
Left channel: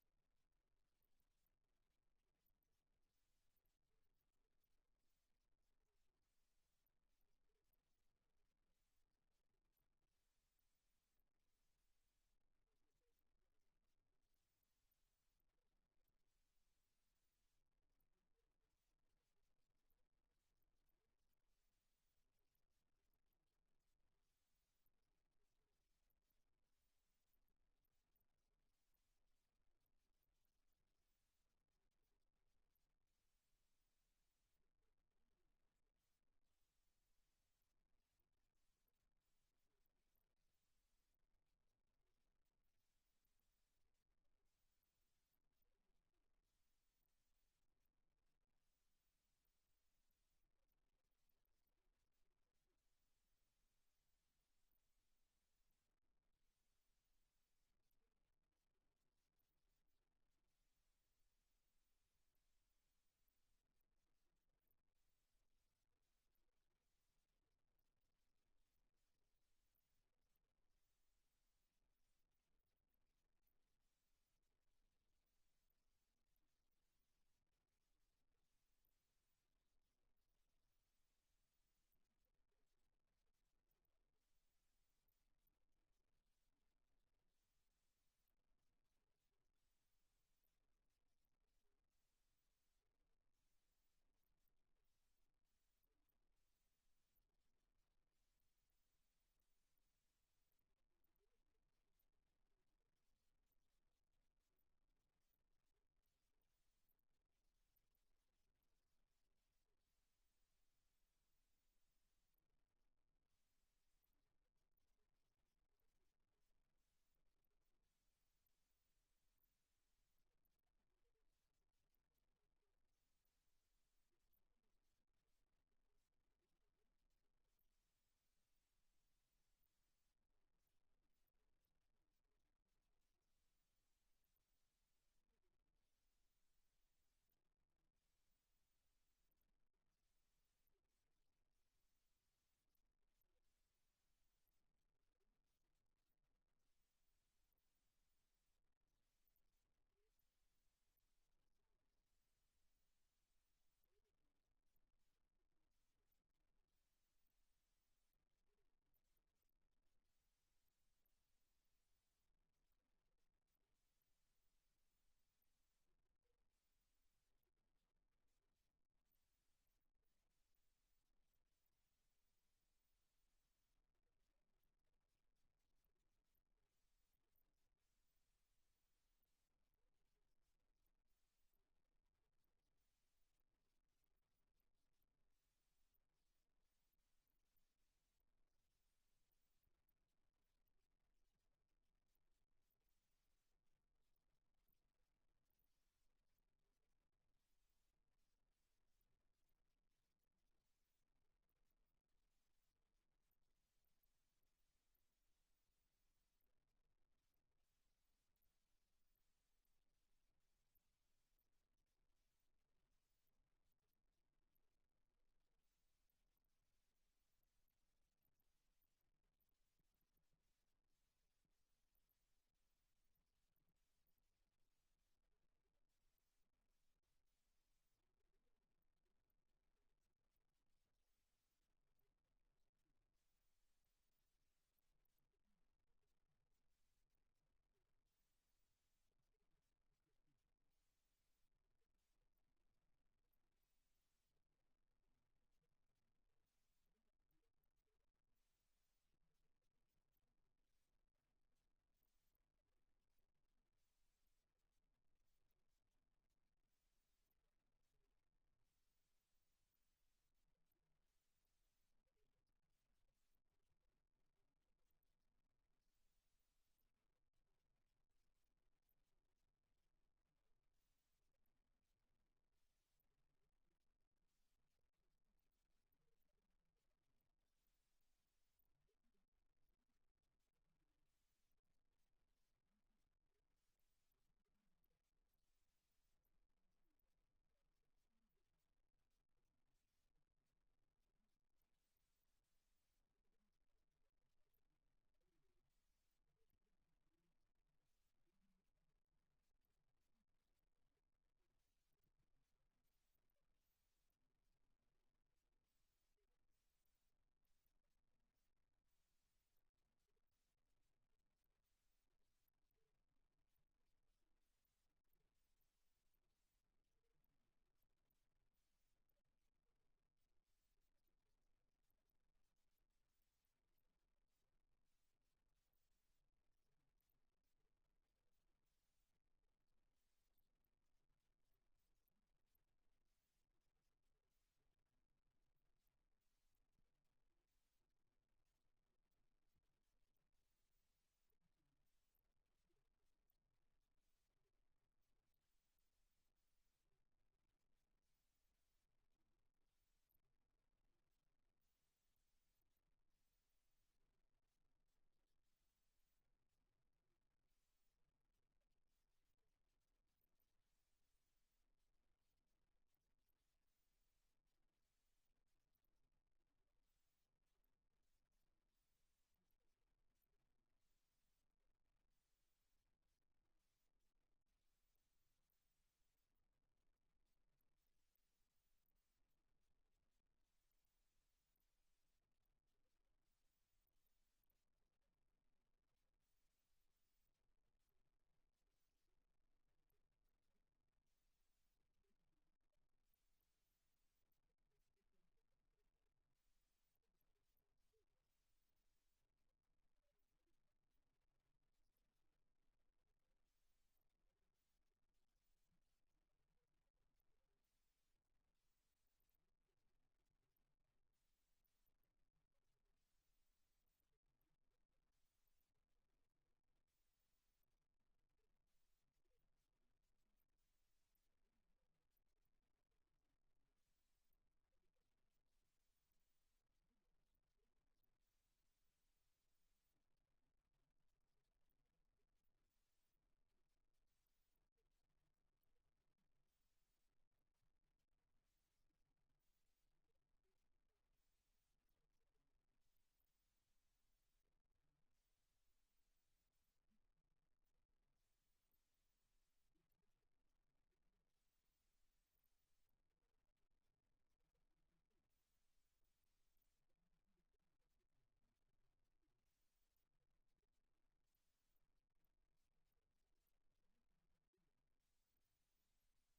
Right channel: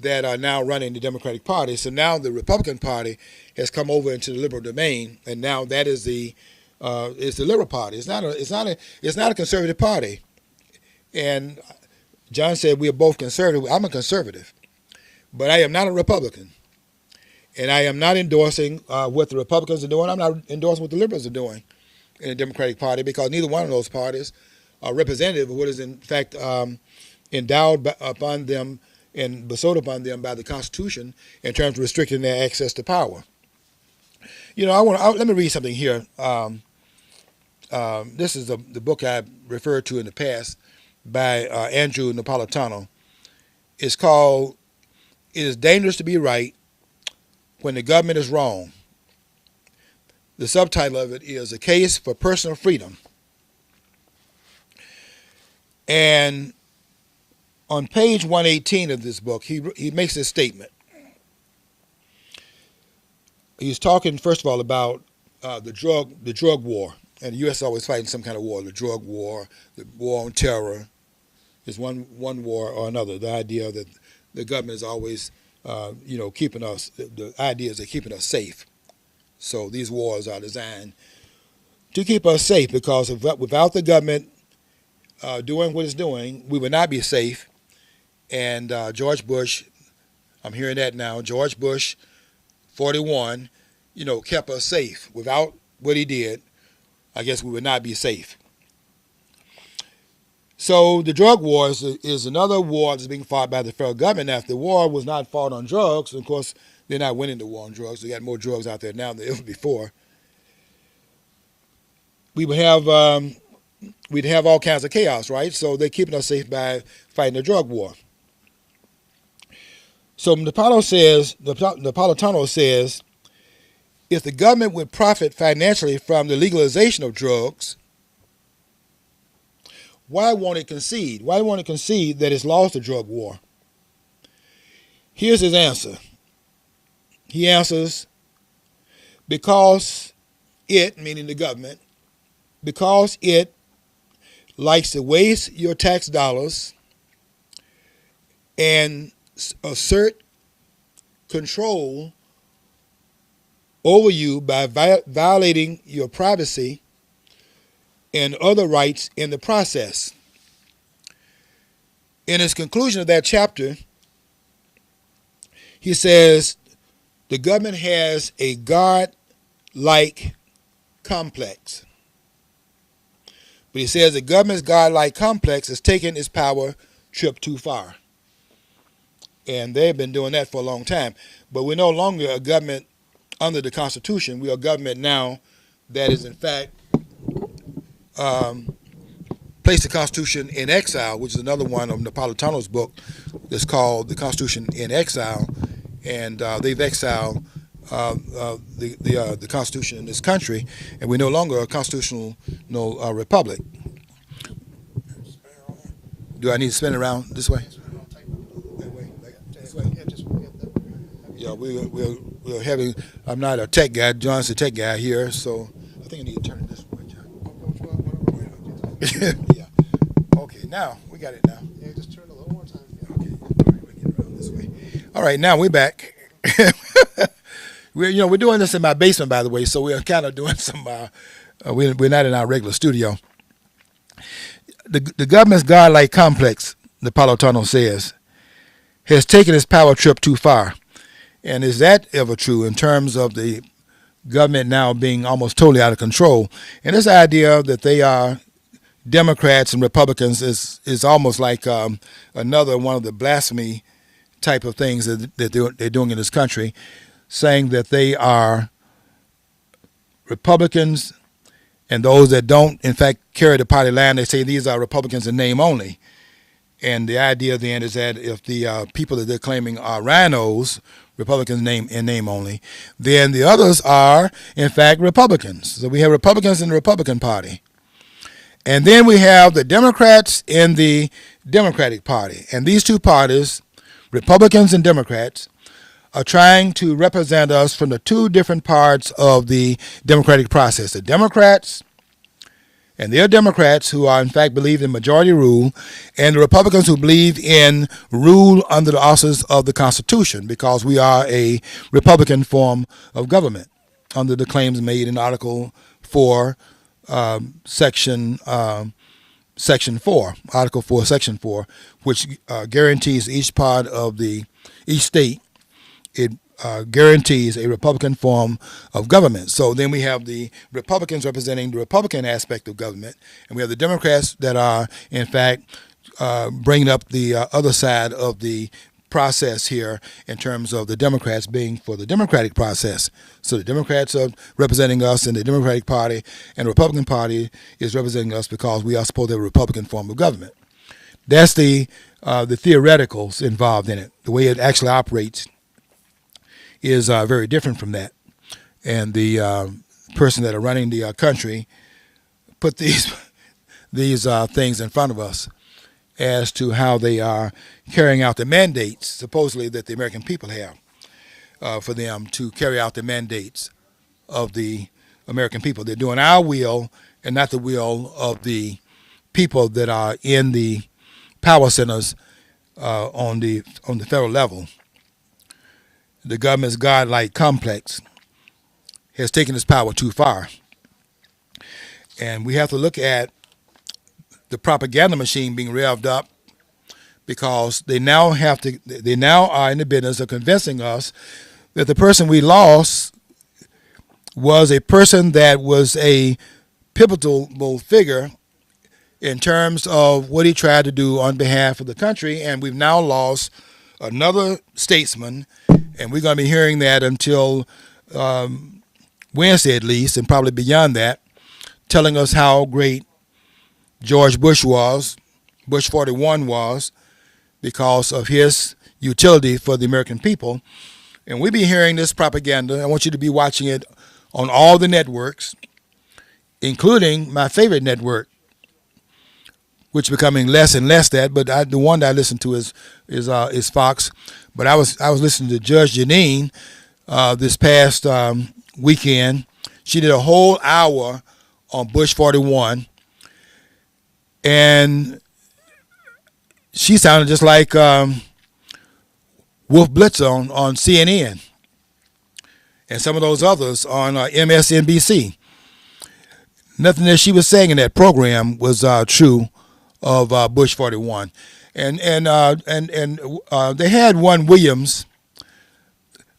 that are now running the Democratic Party. So now the Republican Party has come over into the liberal domain, and now that is the Liberal Party. It's not a conservative party. And John said we are both conservative. I'm a conservative, but I am not a Republican. And I am not endorsing what the Republicans are doing. I'm not endorsing what the liberals are doing in the Democratic Party, because neither one of those parties are representative of what is in fact endowed upon them and bestowed upon them by the Constitution in terms of restricting their access to power. Let me read something here. This is the book I referred to in the past by Andrew Napolitano. It's called "It is Dangerous to Be Right When the Government is Wrong." The subtitle of it is "A Case for Personal Freedom." And on page 118 of this book, he makes this statement. He's talking, first of all, about the drug war. And the U.S. is always fighting some kind of war, the drug war, the war on terror. Is one war or another. The idea that the government is always keeping us, the idea is they're keeping us safe. So these wars are designed to keep us safe, because without the government doing what it's doing, we would not be safe. And George Bush, I'm hearing that now, George Bush, 41, kept us safe. Without what he did, I guess we would not be safe. So the drug war is another war that's being fought by the federal government. Now, if the war was not fought on drugs, of course, they're not winning the war on drugs. They got more drugs out there now than ever before. We would have we'd have all kinds of chaos, right? So they're keeping us safe by fighting the drug war. So Napolitano says, if the government would profit financially from the legalization of drugs, why won't it concede? Why won't it concede that it's lost the drug war? Here's his answer. He answers, because it, meaning the government, because it likes to waste your tax dollars and assert control over you by violating your privacy and other rights in the process. In his conclusion of that chapter, he says the government has a God-like complex. But he says the government's God-like complex has taken its power trip too far. And they've been doing that for a long time. But we're no longer a government under the Constitution. We are a government now that is in fact placed the Constitution in exile, which is another one of Napolitano's book that's called The Constitution in Exile, and they've exiled the Constitution in this country, and we're no longer a constitutional republic. Do I need to spin it around this way? That way, like this way. Yeah, we're having. I'm not a tech guy. John's the tech guy here, so I think I need to turn it this way, John. Yeah. Okay, now we got it now. Yeah, just turn it a little more time. Okay. All right, we'll get around this way. All right, now we're back. We're doing this in my basement, by the way, so we're kind of doing some. We're not in our regular studio. The government's godlike complex, Napolitano says, has taken its power trip too far. And is that ever true in terms of the government now being almost totally out of control? And this idea that they are Democrats and Republicans is almost like another one of the blasphemy type of things that they're doing in this country, saying that they are Republicans and those that don't, in fact, carry the party line, they say these are Republicans in name only. And the idea then is that if the people that they're claiming are rhinos, Republicans in name only, then the others are, in fact, Republicans. So we have Republicans in the Republican Party. And then we have the Democrats in the Democratic Party. And these two parties, Republicans and Democrats, are trying to represent us from the two different parts of the democratic process. The Democrats, and they're Democrats who are in fact believe in majority rule, and the Republicans who believe in rule under the auspices of the Constitution, because we are a Republican form of government under the claims made in Article 4, Section 4, Article 4, Section 4, which guarantees each state, it guarantees a Republican form of government. So then we have the Republicans representing the Republican aspect of government, and we have the Democrats that are, in fact, bringing up the other side of the process here in terms of the Democrats being for the democratic process. So the Democrats are representing us in the Democratic Party, and the Republican Party is representing us because we are supposed to have a Republican form of government. That's the theoreticals involved in it. The way it actually operates is very different from that. And the person that are running the country put these things in front of us as to how they are carrying out the mandates, supposedly, that the American people have for them to carry out the mandates of the American people. They're doing our will and not the will of the people that are in the power centers on the federal level. The government's godlike complex has taken its power too far. And we have to look at the propaganda machine being revved up, because they now are in the business of convincing us that the person we lost was a person that was a pivotal figure in terms of what he tried to do on behalf of the country, and we've now lost another statesman, and we're going to be hearing that until Wednesday at least, and probably beyond that, telling us how great George Bush was, Bush 41 was, because of his utility for the American people. And we'll be hearing this propaganda. I want you to be watching it on all the networks, including my favorite network, which is becoming less and less that, but the one that I listen to is Fox. But I was listening to Judge Janine this past weekend. She did a whole hour on Bush 41, and she sounded just like Wolf Blitzer on CNN and some of those others on MSNBC. Nothing that she was saying in that program was true of Bush 41. And they had one Williams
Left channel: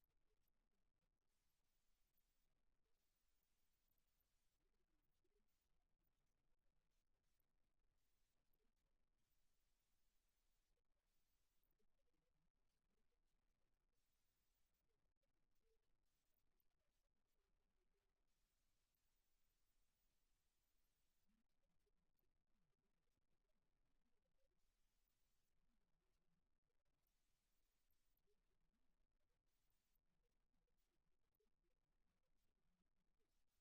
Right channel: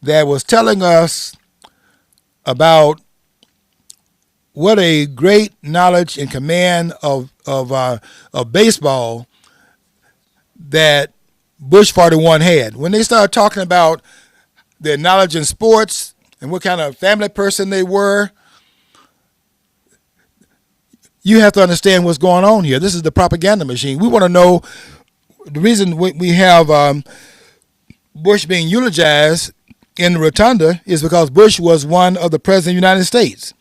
that was telling us about what a great knowledge and command of baseball that Bush 41 had. When they started talking about their knowledge in sports and what kind of family person they were, You have to understand what's going on here. This is the propaganda machine. We want to know the reason we have Bush being eulogized in the rotunda is because Bush was one of the presidents of the United States.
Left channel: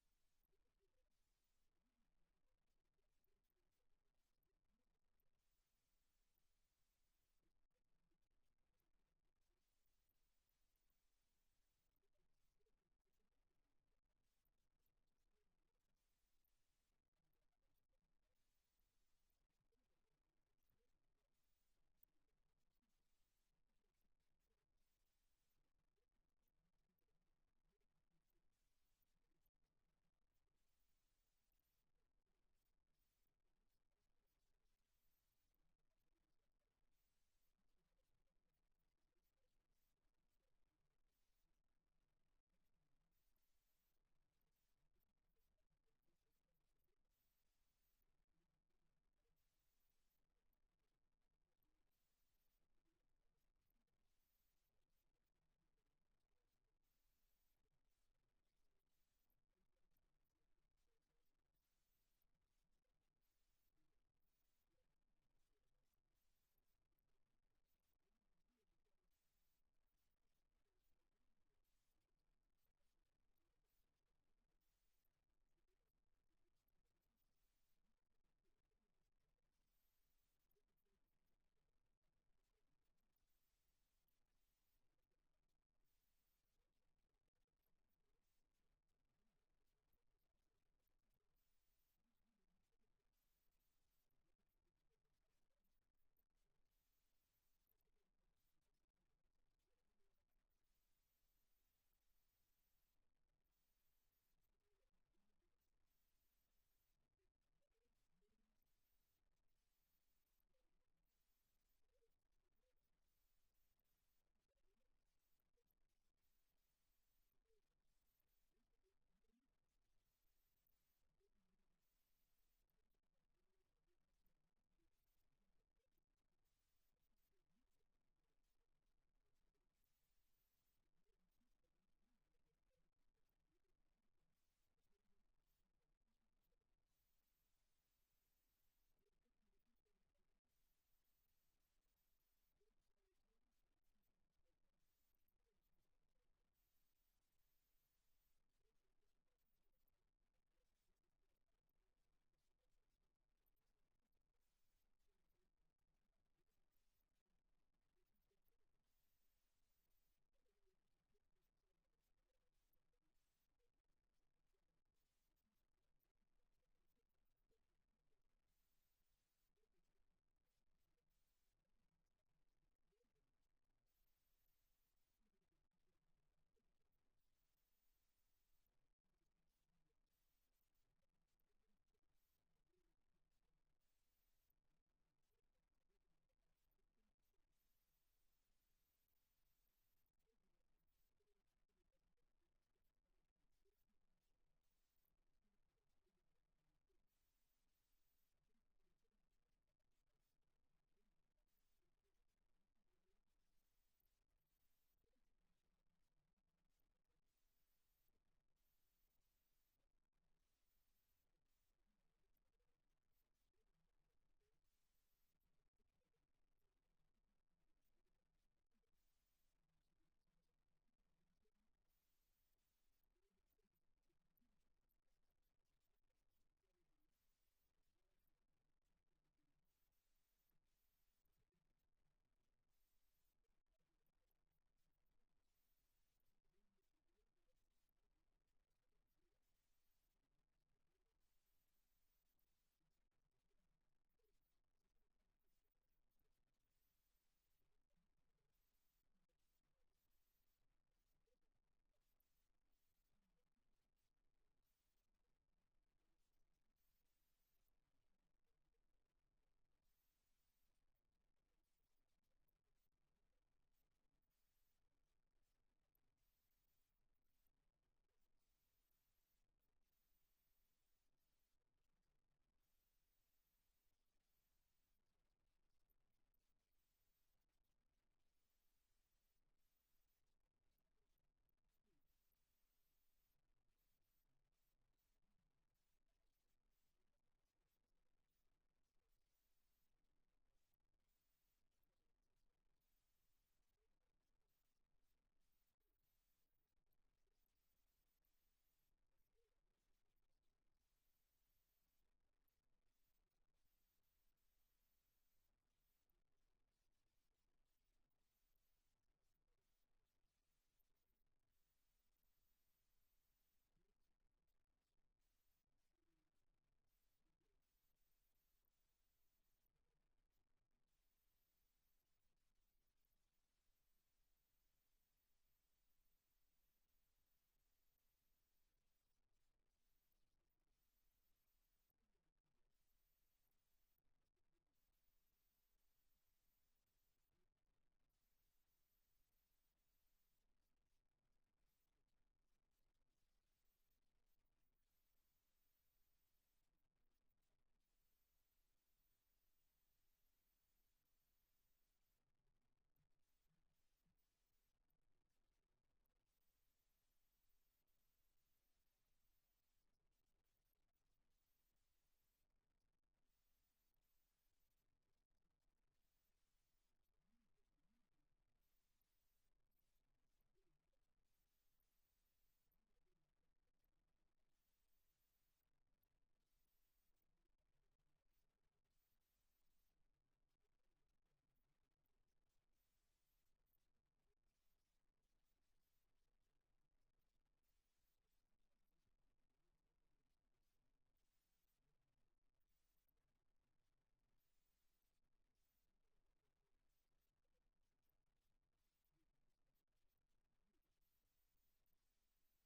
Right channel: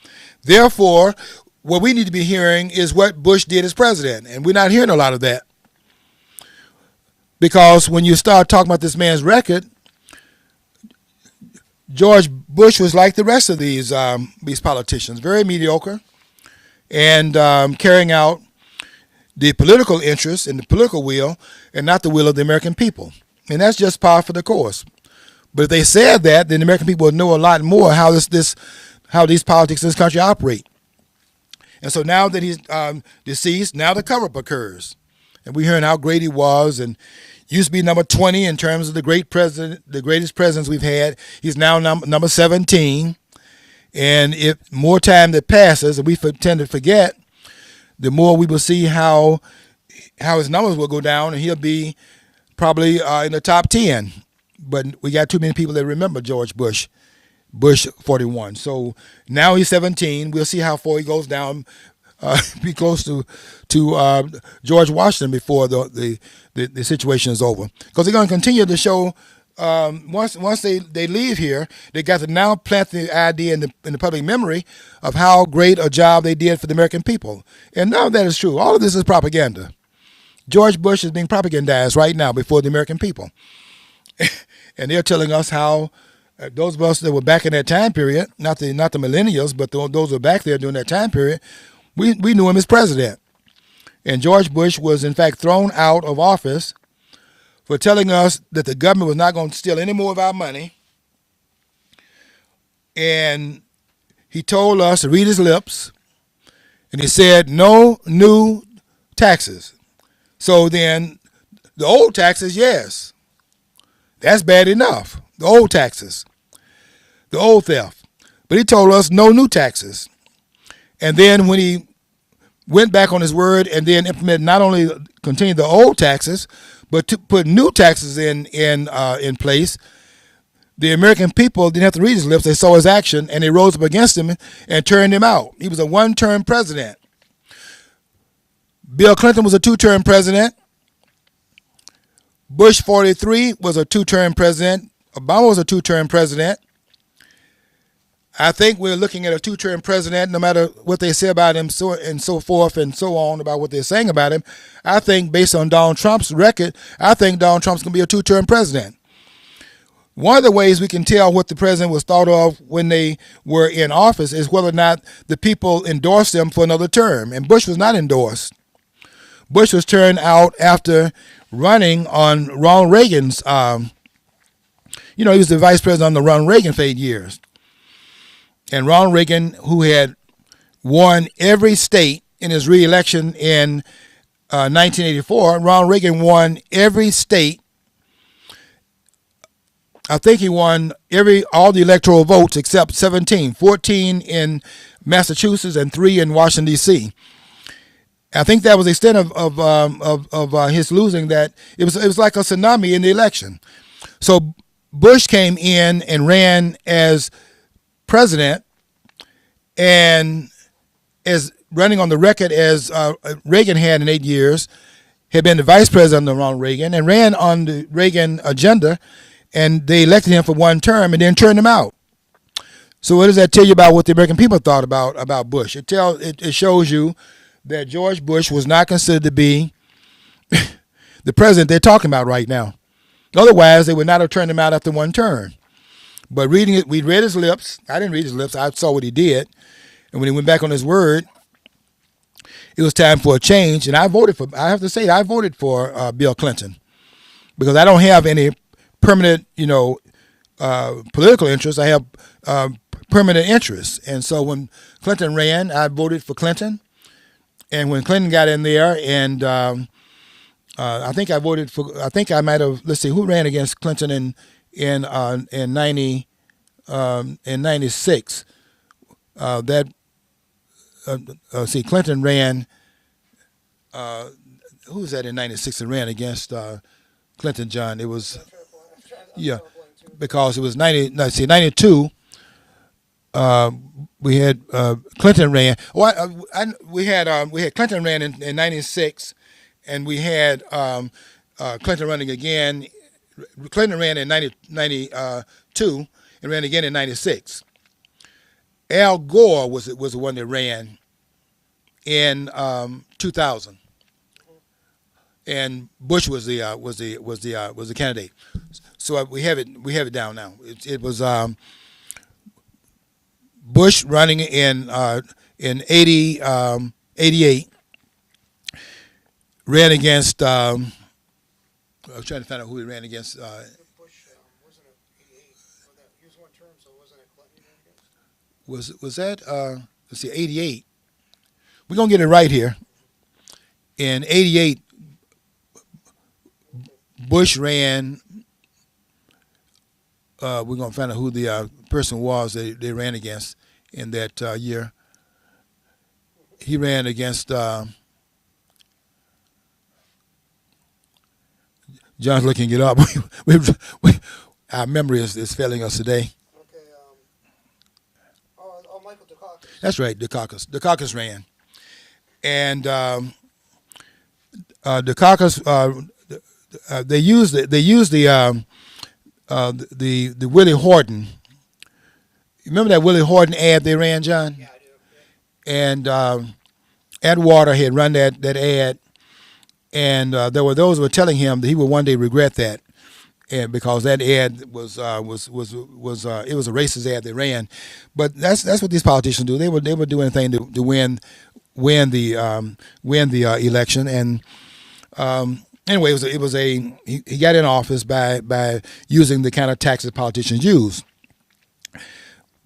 Therefore, what we need to be hearing is what Bush did as president, and we're not hearing a lot of that. Because when you start talking about this man's record, George Bush was like the rest of these politicians, very mediocre, and carrying out the political interests and the political will, and not the will of the American people. And that's just par for the course. But if they said that, then the American people would know a lot more how how these politics in this country operate. And so now that he's deceased, now the cover-up occurs. And we're hearing how great he was, and used to be number 20 in terms of the greatest presidents we've had. He's now number 17. And if more time that passes, and we tend to forget, the more we will see how his numbers will go down, and he'll be probably in the top 10. But we got too many people that remember George Bush 41. So now he's 17. We'll see how far he goes down. Be close to George Washington before the situation is over. Because they're going to continue to show, once they leave here, they got to now plant the idea in the public memory of how great a job they did for the American people. And none of that is true. All of this is propaganda. George Bush is being propagandized right now before the American people. And they're telling us how those of us that were back in that time period, not the millennials, but those who were back there during that time period, we knew him as president. And George Bush was, in fact, thrown out of office for telling us that the government was not going to steal any more of our money. And he told us to read his lips, and he said, no new taxes. So then the old taxes, yes. That's bad enough. The old taxes. The old theft. But he told us no new taxes. And then when he went back on his word and then implemented, not only continued the old taxes, but to put new taxes in place, the American people didn't have to read his lips. They saw his action, and they rose up against him and turned him out. He was a one-term president. Bill Clinton was a two-term president. Bush 43 was a two-term president. Obama was a two-term president. I think we're looking at a two-term president, no matter what they say about him, so forth and so on about what they're saying about him. I think, based on Donald Trump's record, I think Donald Trump's going to be a two-term president. One of the ways we can tell what the president was thought of when they were in office is whether or not the people endorsed them for another term. And Bush was not endorsed. Bush was turned out after running on Ronald Reagan's, he was the vice president under Ronald Reagan for 8 years. And Ronald Reagan, who had won every state in his re-election in 1984, Ronald Reagan won every state. I think he won all the electoral votes except 17, 14 in Massachusetts and 3 in Washington, D.C. I think that was the extent of his losing. That it was like a tsunami in the election. So Bush came in and ran as president, and as running on the record as Reagan had in 8 years, had been the vice president under Ronald Reagan, and ran on the Reagan agenda, and they elected him for one term and then turned him out. So what does that tell you about what the American people thought about Bush? It shows you that George Bush was not considered to be the president they're talking about right now. Otherwise, they would not have turned him out after one term. But reading it, we read his lips. I didn't read his lips. I saw what he did. And when he went back on his word, it was time for a change. And I have to say, I voted for Bill Clinton, because I don't have any permanent, political interests. I have permanent interests. And so when Clinton ran, I voted for Clinton. And when Clinton got in there, and I think I voted for, I think I might have, let's see, who ran against Clinton in 96? Clinton ran, who was that in 96 that ran against Clinton, John? It was, yeah, because it was 92. uh, we had Clinton ran. We had Clinton ran in '96, and we had Clinton running again. Clinton ran in 92 and ran again in '96. Al Gore was the one that ran in 2000, and Bush was the candidate. So we have it down now. It was Bush running in 88, ran against. I was trying to find out who he ran against. Bush wasn't it 88? He was one term, so wasn't it Clinton he ran against? Was that let's see, 88. We're gonna get it right here. In 88, Bush ran. We're gonna find out who the person was they ran against in that year. He ran against. John's looking it up. Our memory is failing us today. Okay. Michael Dukakis. That's right, Dukakis. Dukakis ran, and Dukakis. They used the Willie Horton. Remember that Willie Horton ad they ran, John? Yeah, I do. Yeah. And Atwater had run that ad, and there were those who were telling him that he would one day regret that, and because that ad was it was a racist ad they ran, but that's what these politicians do. They would do anything to win the election, and anyway, he got in office by using the kind of taxes politicians use.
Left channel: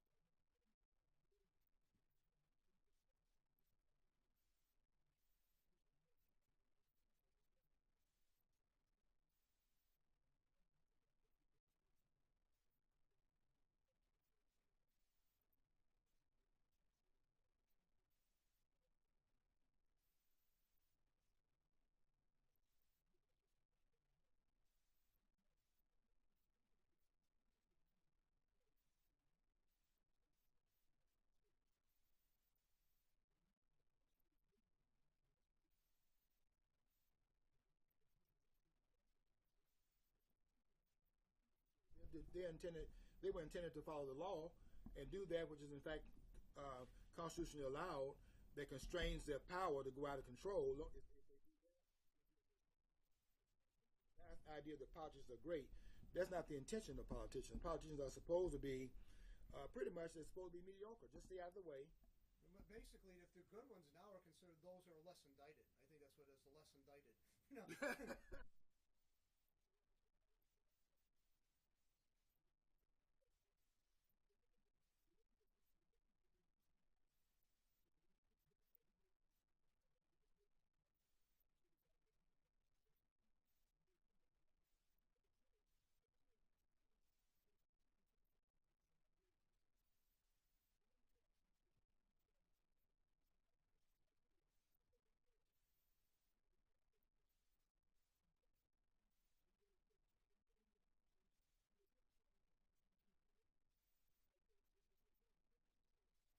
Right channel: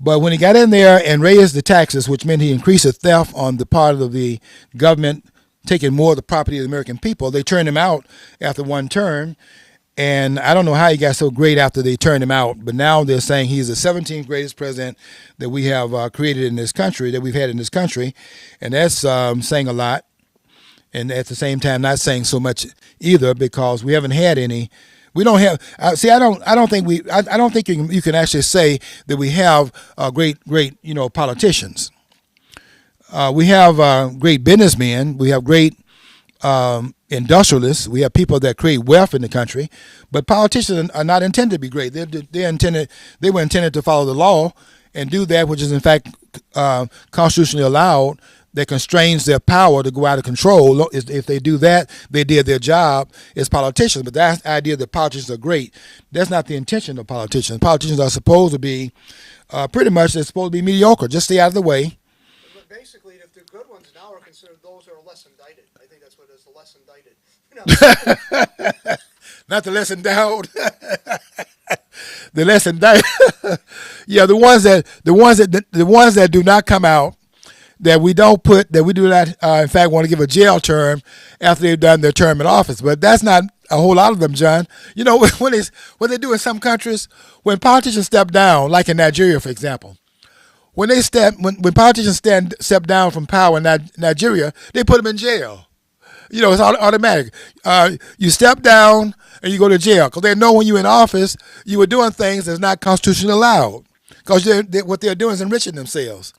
But when he got in there and raised the taxes, which meant he increased the theft on the part of the government, taking more of the property of the American people, they turned him out after one term. And I don't know how he got so great after they turned him out, but now they're saying he's the 17th greatest president that we have created in this country, that we've had in this country. And that's saying a lot. And at the same time, not saying so much either, because we haven't had any. We don't have. I don't think you can actually say that we have great politicians. We have great businessmen. We have great industrialists. We have people that create wealth in the country. But politicians are not intended to be great. They were intended to follow the law and do that which is in fact constitutionally allowed, that constrains their power to go out of control. If they do that, they did their job as politicians. But that idea that politicians are great, that's not the intention of politicians. Politicians are supposed to be pretty much, they're supposed to be mediocre. Just stay out of the way. But basically, if the good ones now are considered those who are less indicted. I think that's what it is, the less indicted. Not the less endowed. The less indicted. Yeah, the ones that do not come out, that we do not, in fact, want to give a jail term after they've done their term in office. But that's not a whole lot of them, John. You know, what they do in some countries, when politicians step down, like in Nigeria, for example, when politicians step down from power in Nigeria, they put them in jail. You know, it's automatic. You step down and you go to jail, because they know when you're in office, you were doing things that's not constitutionally allowed, because what they're doing is enriching themselves.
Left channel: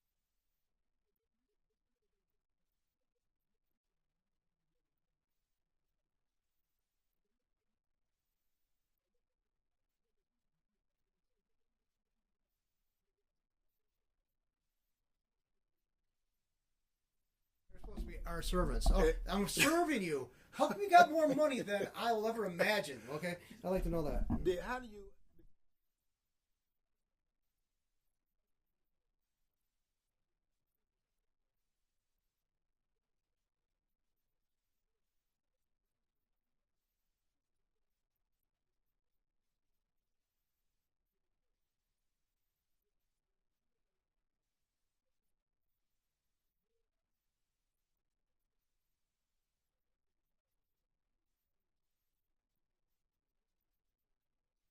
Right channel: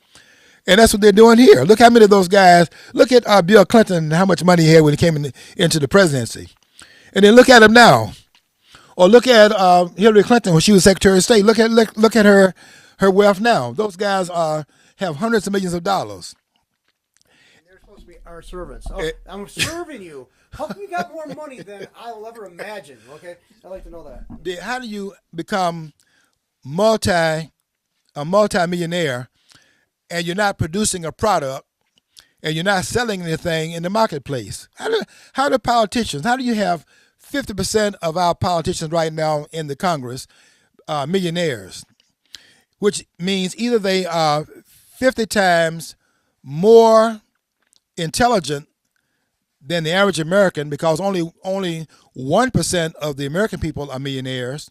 And that's what they're doing here. Look how many of those guys. Look at Bill Clinton and how much money he had when he came into the presidency. And then look at him now. Or look at Hillary Clinton when she was Secretary of State. Look at her wealth now. Those guys have hundreds of millions of dollars. And they're supposed to be our servants. Oh, I'm serving you. How come you got more money than I'll ever imagine? Okay, I'd like to know that. How do you become a multi-millionaire, and you're not producing a product, and you're not selling anything in the marketplace? How do politicians, how do you have 50% of our politicians right now in the Congress millionaires, which means either they are 50 times more intelligent than the average American, because only 1% of the American people are millionaires,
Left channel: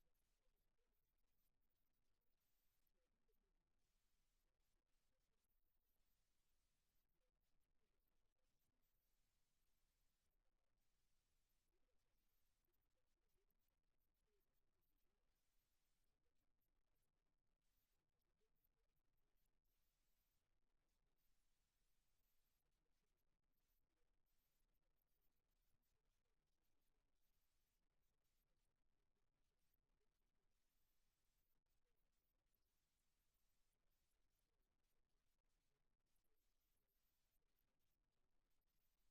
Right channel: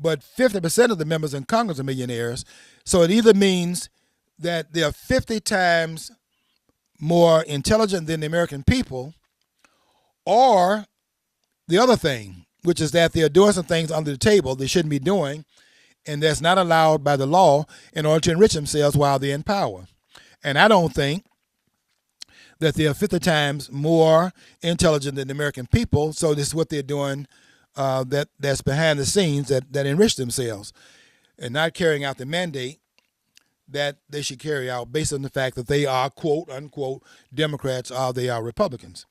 but 50% of the members in Congress are millionaires. So it either means that they are 50 times more intelligent than the American people, or the other thing, which is that they're doing some things under the table they shouldn't be doing, and that's not allowed by the law in order to enrich themselves while they're in power. And I don't think that they are 50 times more intelligent than the American people, so this is what they're doing that's behind the scenes that enrich themselves and not carrying out the mandate that they should carry out based on the fact that they are, quote, unquote, Democrats or they are Republicans.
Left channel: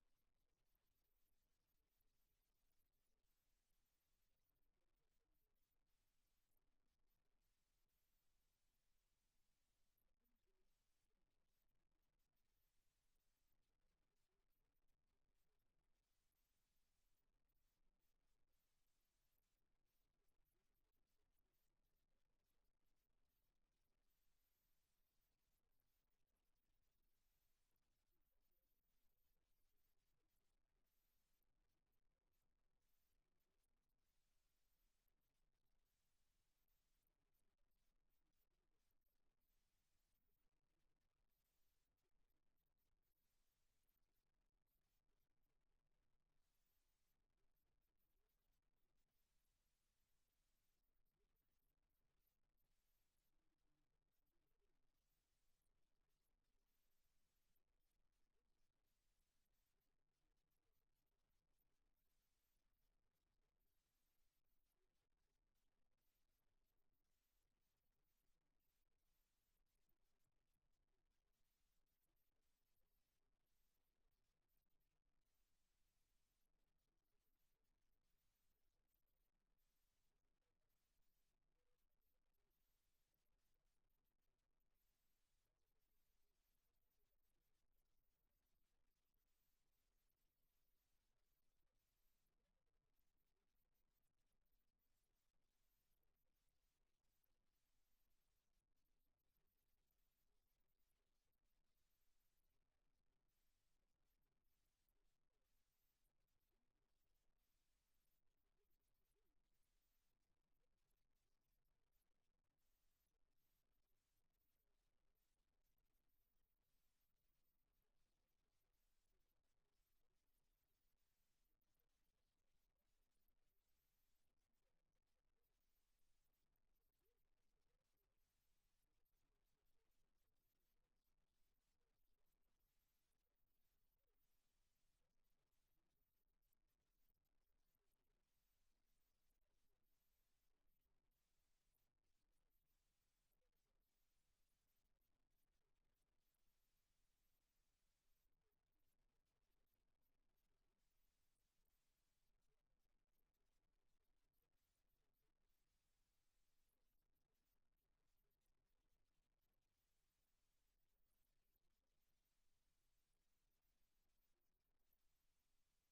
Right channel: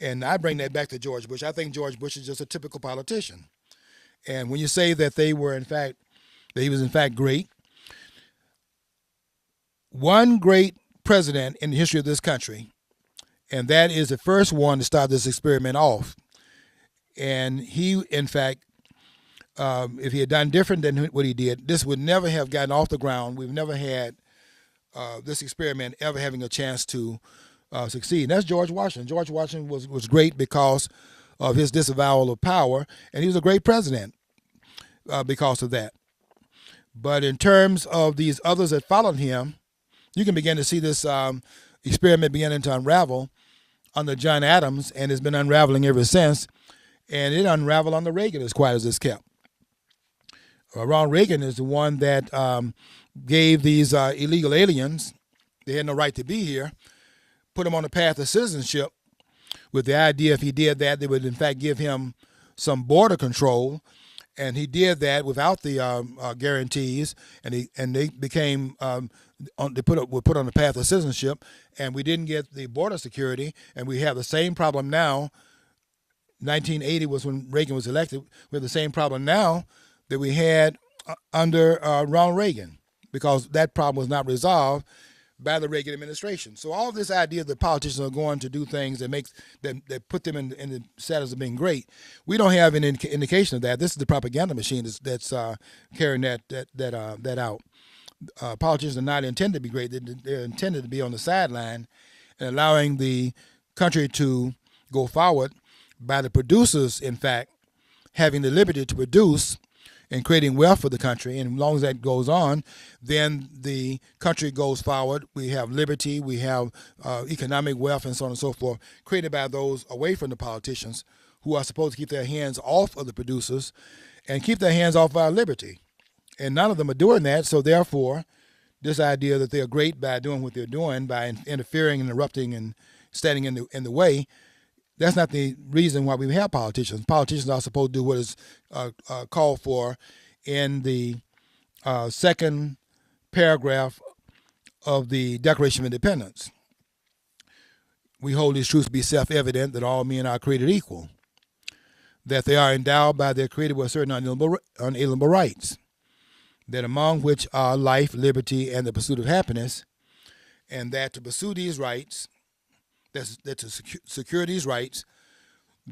And I bring that back to George Bush. I think George Bush is just a typical politician. And when you say that that he was in fact great, one great president in the history of this country, and that is the first one to start this experiment off. And he, in fact, if he had done different than what he did, this would never have gotten off the ground. We've never had this experiment ever having a chance to succeed. And that's George Washington. George Washington was great because of his disavowal of power, and he was a great president because of that. But in terms of these others that followed him, you can begin to see this experiment beginning to unravel under John Adams, and it's been unraveling ever since. And it unraveled under Reagan as quiet as it's kept. Ronald Reagan is the one that gave these illegal aliens, they had no right to be here, put them on the path of citizenship with the idea if he did that, they would in fact give him some border control. And he did that without the guarantees, and they became were put on the path of citizenship, and we didn't get the border security, and we have the same problem now. 1980 was when Reagan was elected. We have the same problem now that we had under Ronald Reagan, because that problem was not resolved by the Reagan administration. So all this idea that politicians are going to do things that put them in the status of being great, we don't have an indication of that. This is the propaganda machine that's carrying that out. Politicians are not intended to be great. They're intended to be on the sideline and allowing the country to go forward by the producers, in fact, having the liberty to produce and creating wealth for the country. And as long as that goes on, then the country goes forward. We have liberty, we have economic wealth, and so on and so forth, created by those away from the politicians who are supposed to keep their hands off of the producers and keep their hands off our liberty. And none of them are doing that, so therefore, this idea that they're great by doing what they're doing, by interfering, interrupting, and standing in the way, that's not the reason why we have politicians. Politicians are supposed to do what is called for in the second paragraph of the Declaration of Independence. We hold these truths to be self-evident, that all men are created equal, that they are endowed by their Creator with certain unalienable rights, that among which are life, liberty, and the pursuit of happiness, and that to pursue these rights, that to secure these rights,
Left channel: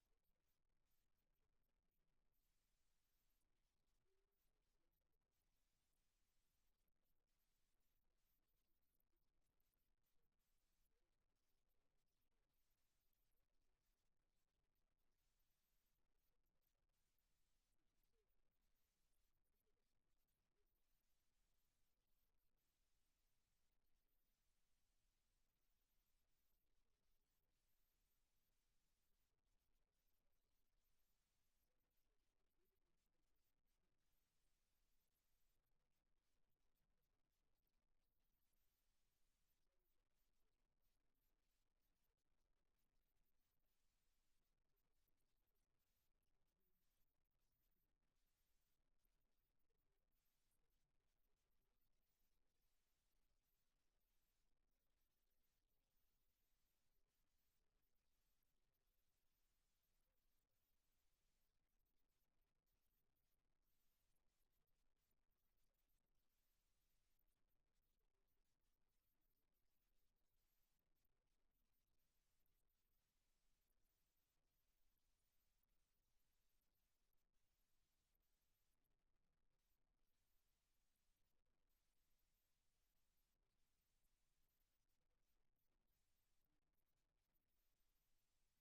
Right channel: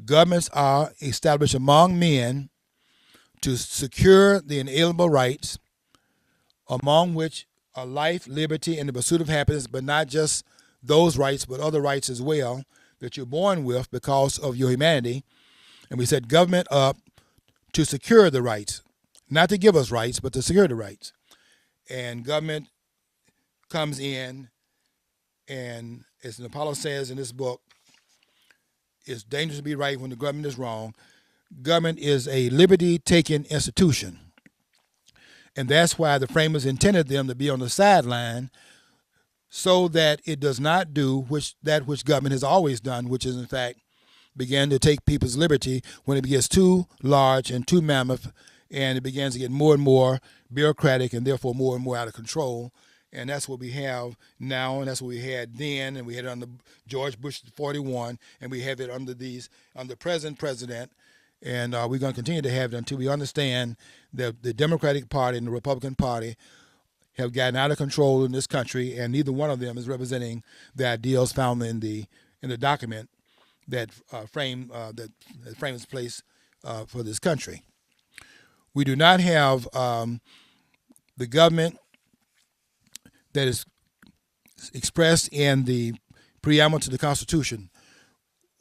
governments are established among men to secure the inalienable rights, among which are life, liberty, and the pursuit of happiness, but not just those rights, but other rights as well that you're born with because of your humanity. And we set government up to secure the rights, not to give us rights, but to secure the rights. And government comes in, and as Apollo says in this book, it's dangerous to be right when the government is wrong. Government is a liberty-taking institution. And that's why the framers intended them to be on the sideline, so that it does not do that which government has always done, which is in fact begin to take people's liberty when it gets too large and too mammoth, and it begins to get more and more bureaucratic and therefore more and more out of control. And that's what we have now, and that's what we had then, and we had it under George Bush 41, and we have it under present president, and we're going to continue to have it until we understand that the Democratic Party and the Republican Party have gotten out of control in this country, and neither one of them is representing the ideals found in the document that frames place for this country. We do not have the government that is expressed in the preamble to the Constitution.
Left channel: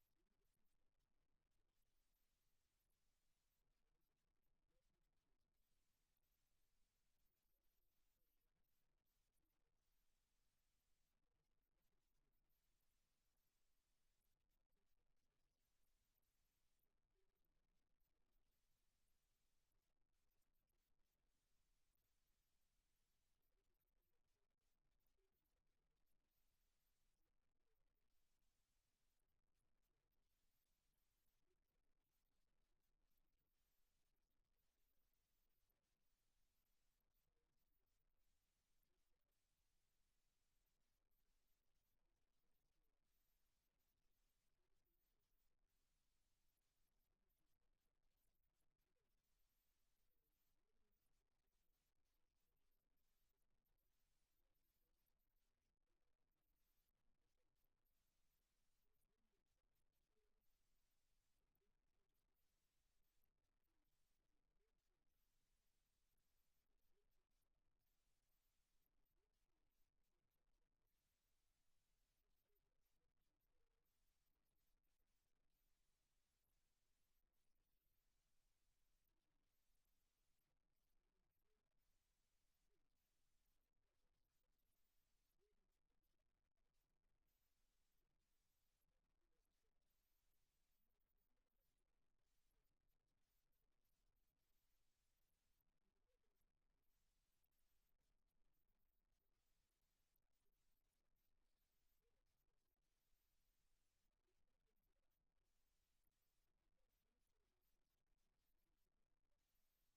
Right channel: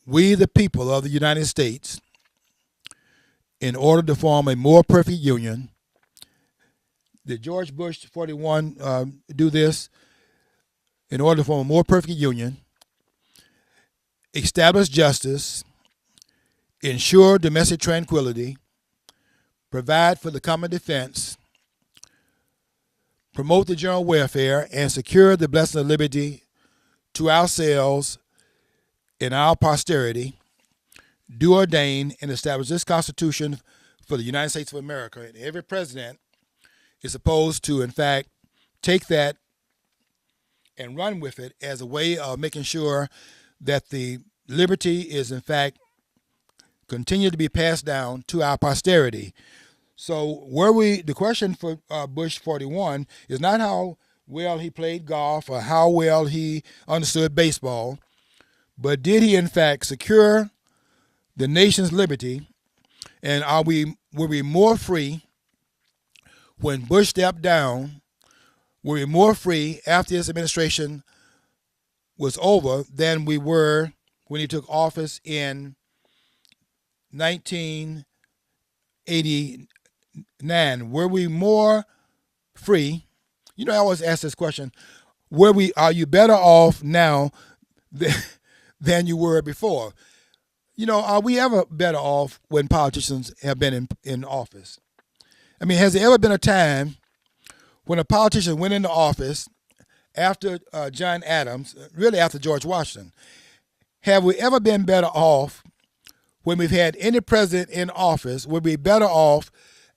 We, the people of the United States, in order to form a more perfect union, did George Bush 41 do this? In order to form a more perfect union, establish justice, ensure domestic tranquility, provide for the common defense, promote the general welfare, and secure the blessing of liberty to ourselves and our posterity, do ordain and establish this Constitution for the United States of America. And every president is supposed to, in fact, take that and run with it as a way of making sure that the liberty is, in fact, continue to be passed down to our posterity. So the question for Bush 41 is not how well he played golf or how well he understood baseball, but did he in fact secure the nation's liberty, and were we more free when Bush stepped down? Were we more free after his administration was over than we were when he took office in 1989? Were we more free? You know, I always ask this question: are you better off now than you were before? You know, are we ever better off when politicians have been in office? I mean, has there ever been a time when a politician went into office after John Adams, really after George Washington? Have we ever been better off when we've had any president in office? Would we be better off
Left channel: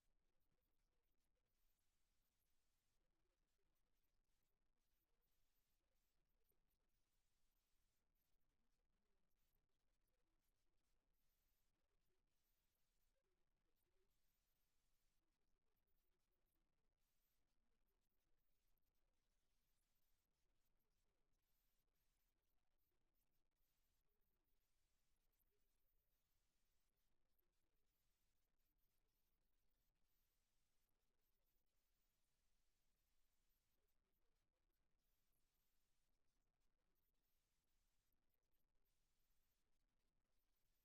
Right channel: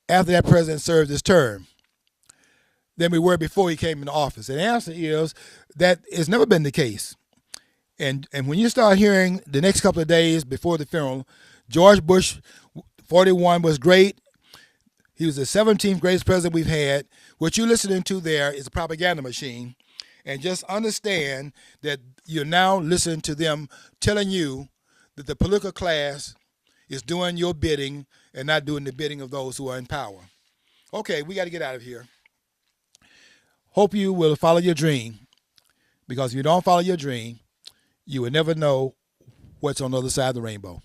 after that president served his term than we were before he came into office? And the answer is that it's never been the case. And when you start hearing the next couple of days before the funeral, George Bush 41 was great. He was the 17th greatest president we've had. What you're listening to there is a propaganda machine. And just understand that you're now listening to them telling you that the political class is doing your bidding and not doing the bidding of those who are in power. Okay, we got to get out of here. Hope you will follow your dream, because if you don't follow your dream, you will never know what's on the other side of the rainbow.